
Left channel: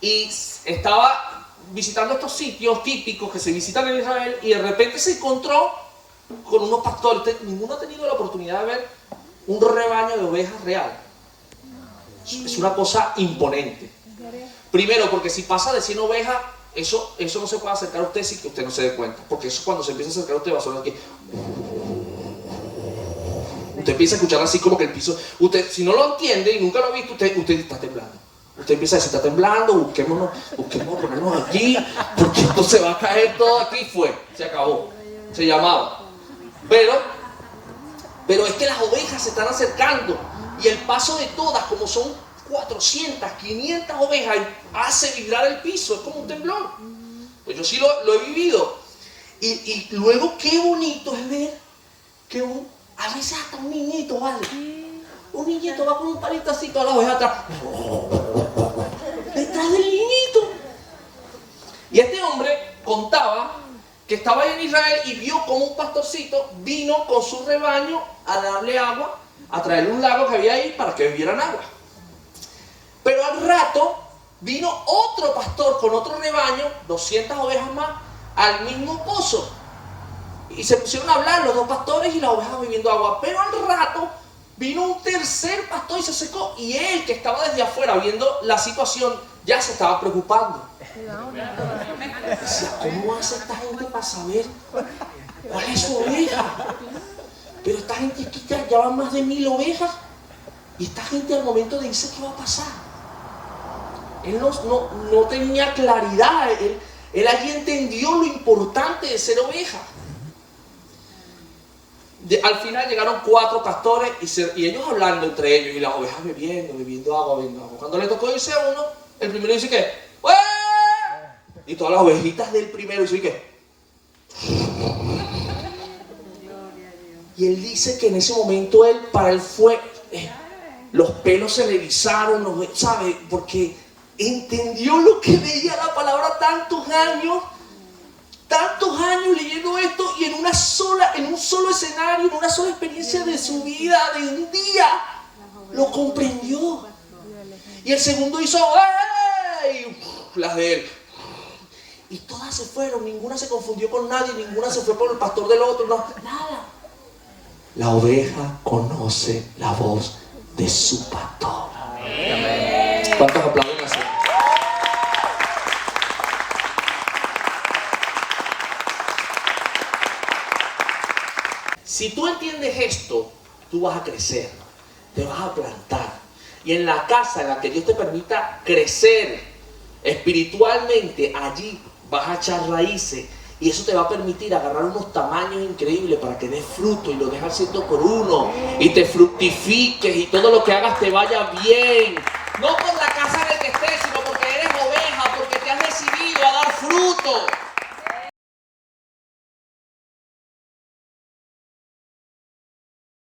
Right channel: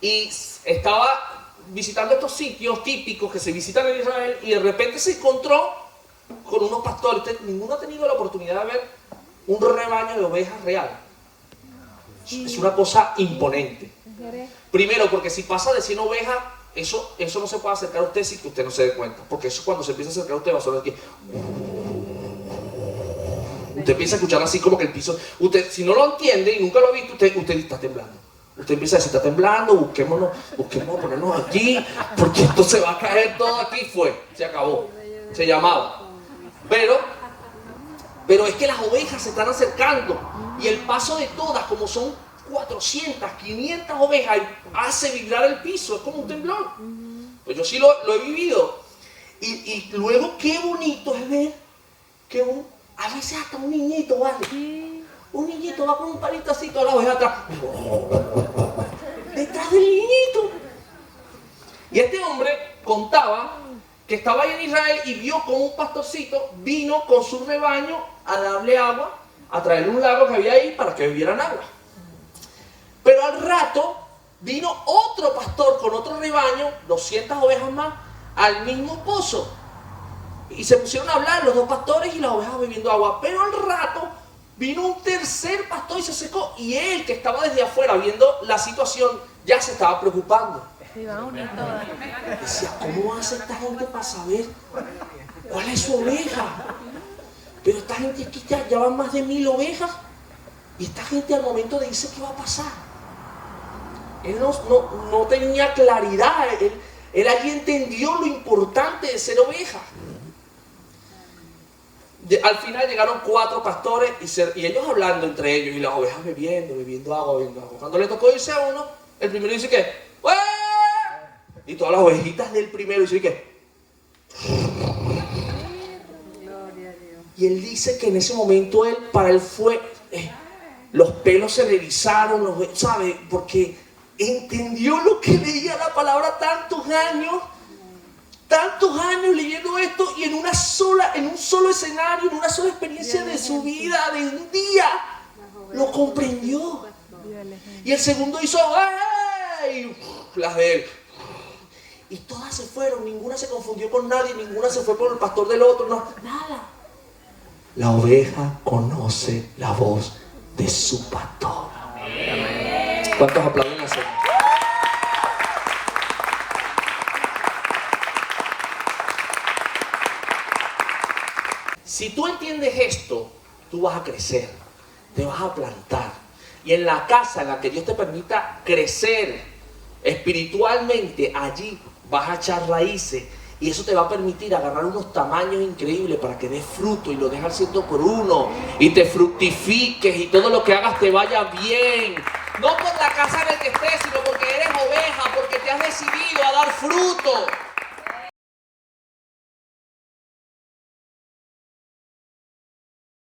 y estaba visitando estos sitios típicos que se visitan en Israel y de repente se encontró con unos pastores. Ninguno ha tenido la oportunidad de ver un rebaño de ovejas real. Es una cosa imponente. Primero, porque si pasa de 100 ovejas, eso no se puede acercar a usted sin que usted no se dé cuenta. Porque eso cuando se empieza a acercar a usted va a sonar aquí. Usted empieza a escuchar así como que el piso. Usted, si no lo entiende y nunca lo ha visto, usted está temblando. Usted empieza a decir, está temblando, busquémonos, ponernos aquí, porque esto se va a caer todo aquí. Se acabó. Se llamaba. Pero es que las ovejas se están acercando y el paso de todas, como son 400, 500 ovejas, hace vibrar el piso, es como un temblor. Pues yo sí lo he vivido. Y luego qué bonito es ver que a veces hasta un niñito, ¿vale? Un niñito va con un palito así, todas las ovejas atrás. Detrás del niñito. Y este hombre contaba que estaba ahí en Israel y vio como un pastorcito vino con su rebaño a darle agua, a traerle un lago que había ahí para que bebieran agua. Pero al rato vino otro pastor con otro rebaño, 200 ovejas más, al mismo pozo. Y se pusieron a hablar los dos pastores y las ovejas bebiendo agua. Pero al rato vino un tercer pastor y se secó. Y él, que estaba desde afuera viendo la situación, ya se estaba preocupando. Decía, ¿cómo hace esta gente para saber cuál es su oveja? Pero esta gente es que ya van más de 1000 ovejas. Y esta gente al momento de irse, ¿qué va a pasar? Él no tenía claridad. Él allí entendió lo importante de ser oveja. Al final llegaron 4 pastores y ellos hablando entre ellos y las ovejas bebiendo agua. Cuando le tocó irse a uno, el primero dice que ¡ué! Y todas las ovejitas del primero dicen que y él dice que en ese momento para él fue los pelos se revisaron, ¿sabe? Porque entendió lo que leía la palabra tantos años leyendo esto y en un solo escenario, en una sola experiencia de su vida, de un día, lo comprendió. Y el segundo hizo ¡ay! Las de él. Y todas se fueron, ninguna se confundió con nadie, ninguna se fue por el pastor del otro, nada. La oveja conoce la voz de su pastor. Amén. ¿Cuántos aplauden así? Si tú entiendes esto, tú vas a crecer, te vas a plantar. Y en la casa en la que Dios te permita crecer espiritualmente, allí vas a echar raíces. Y eso te va a permitir agarrar unos tamaños increíbles para que des fruto y lo dejes al 100%. Y te fructifiques y todo lo que hagas te vaya bien. No por la casa en la que estés, sino porque eres oveja, porque te has decidido a dar fruto.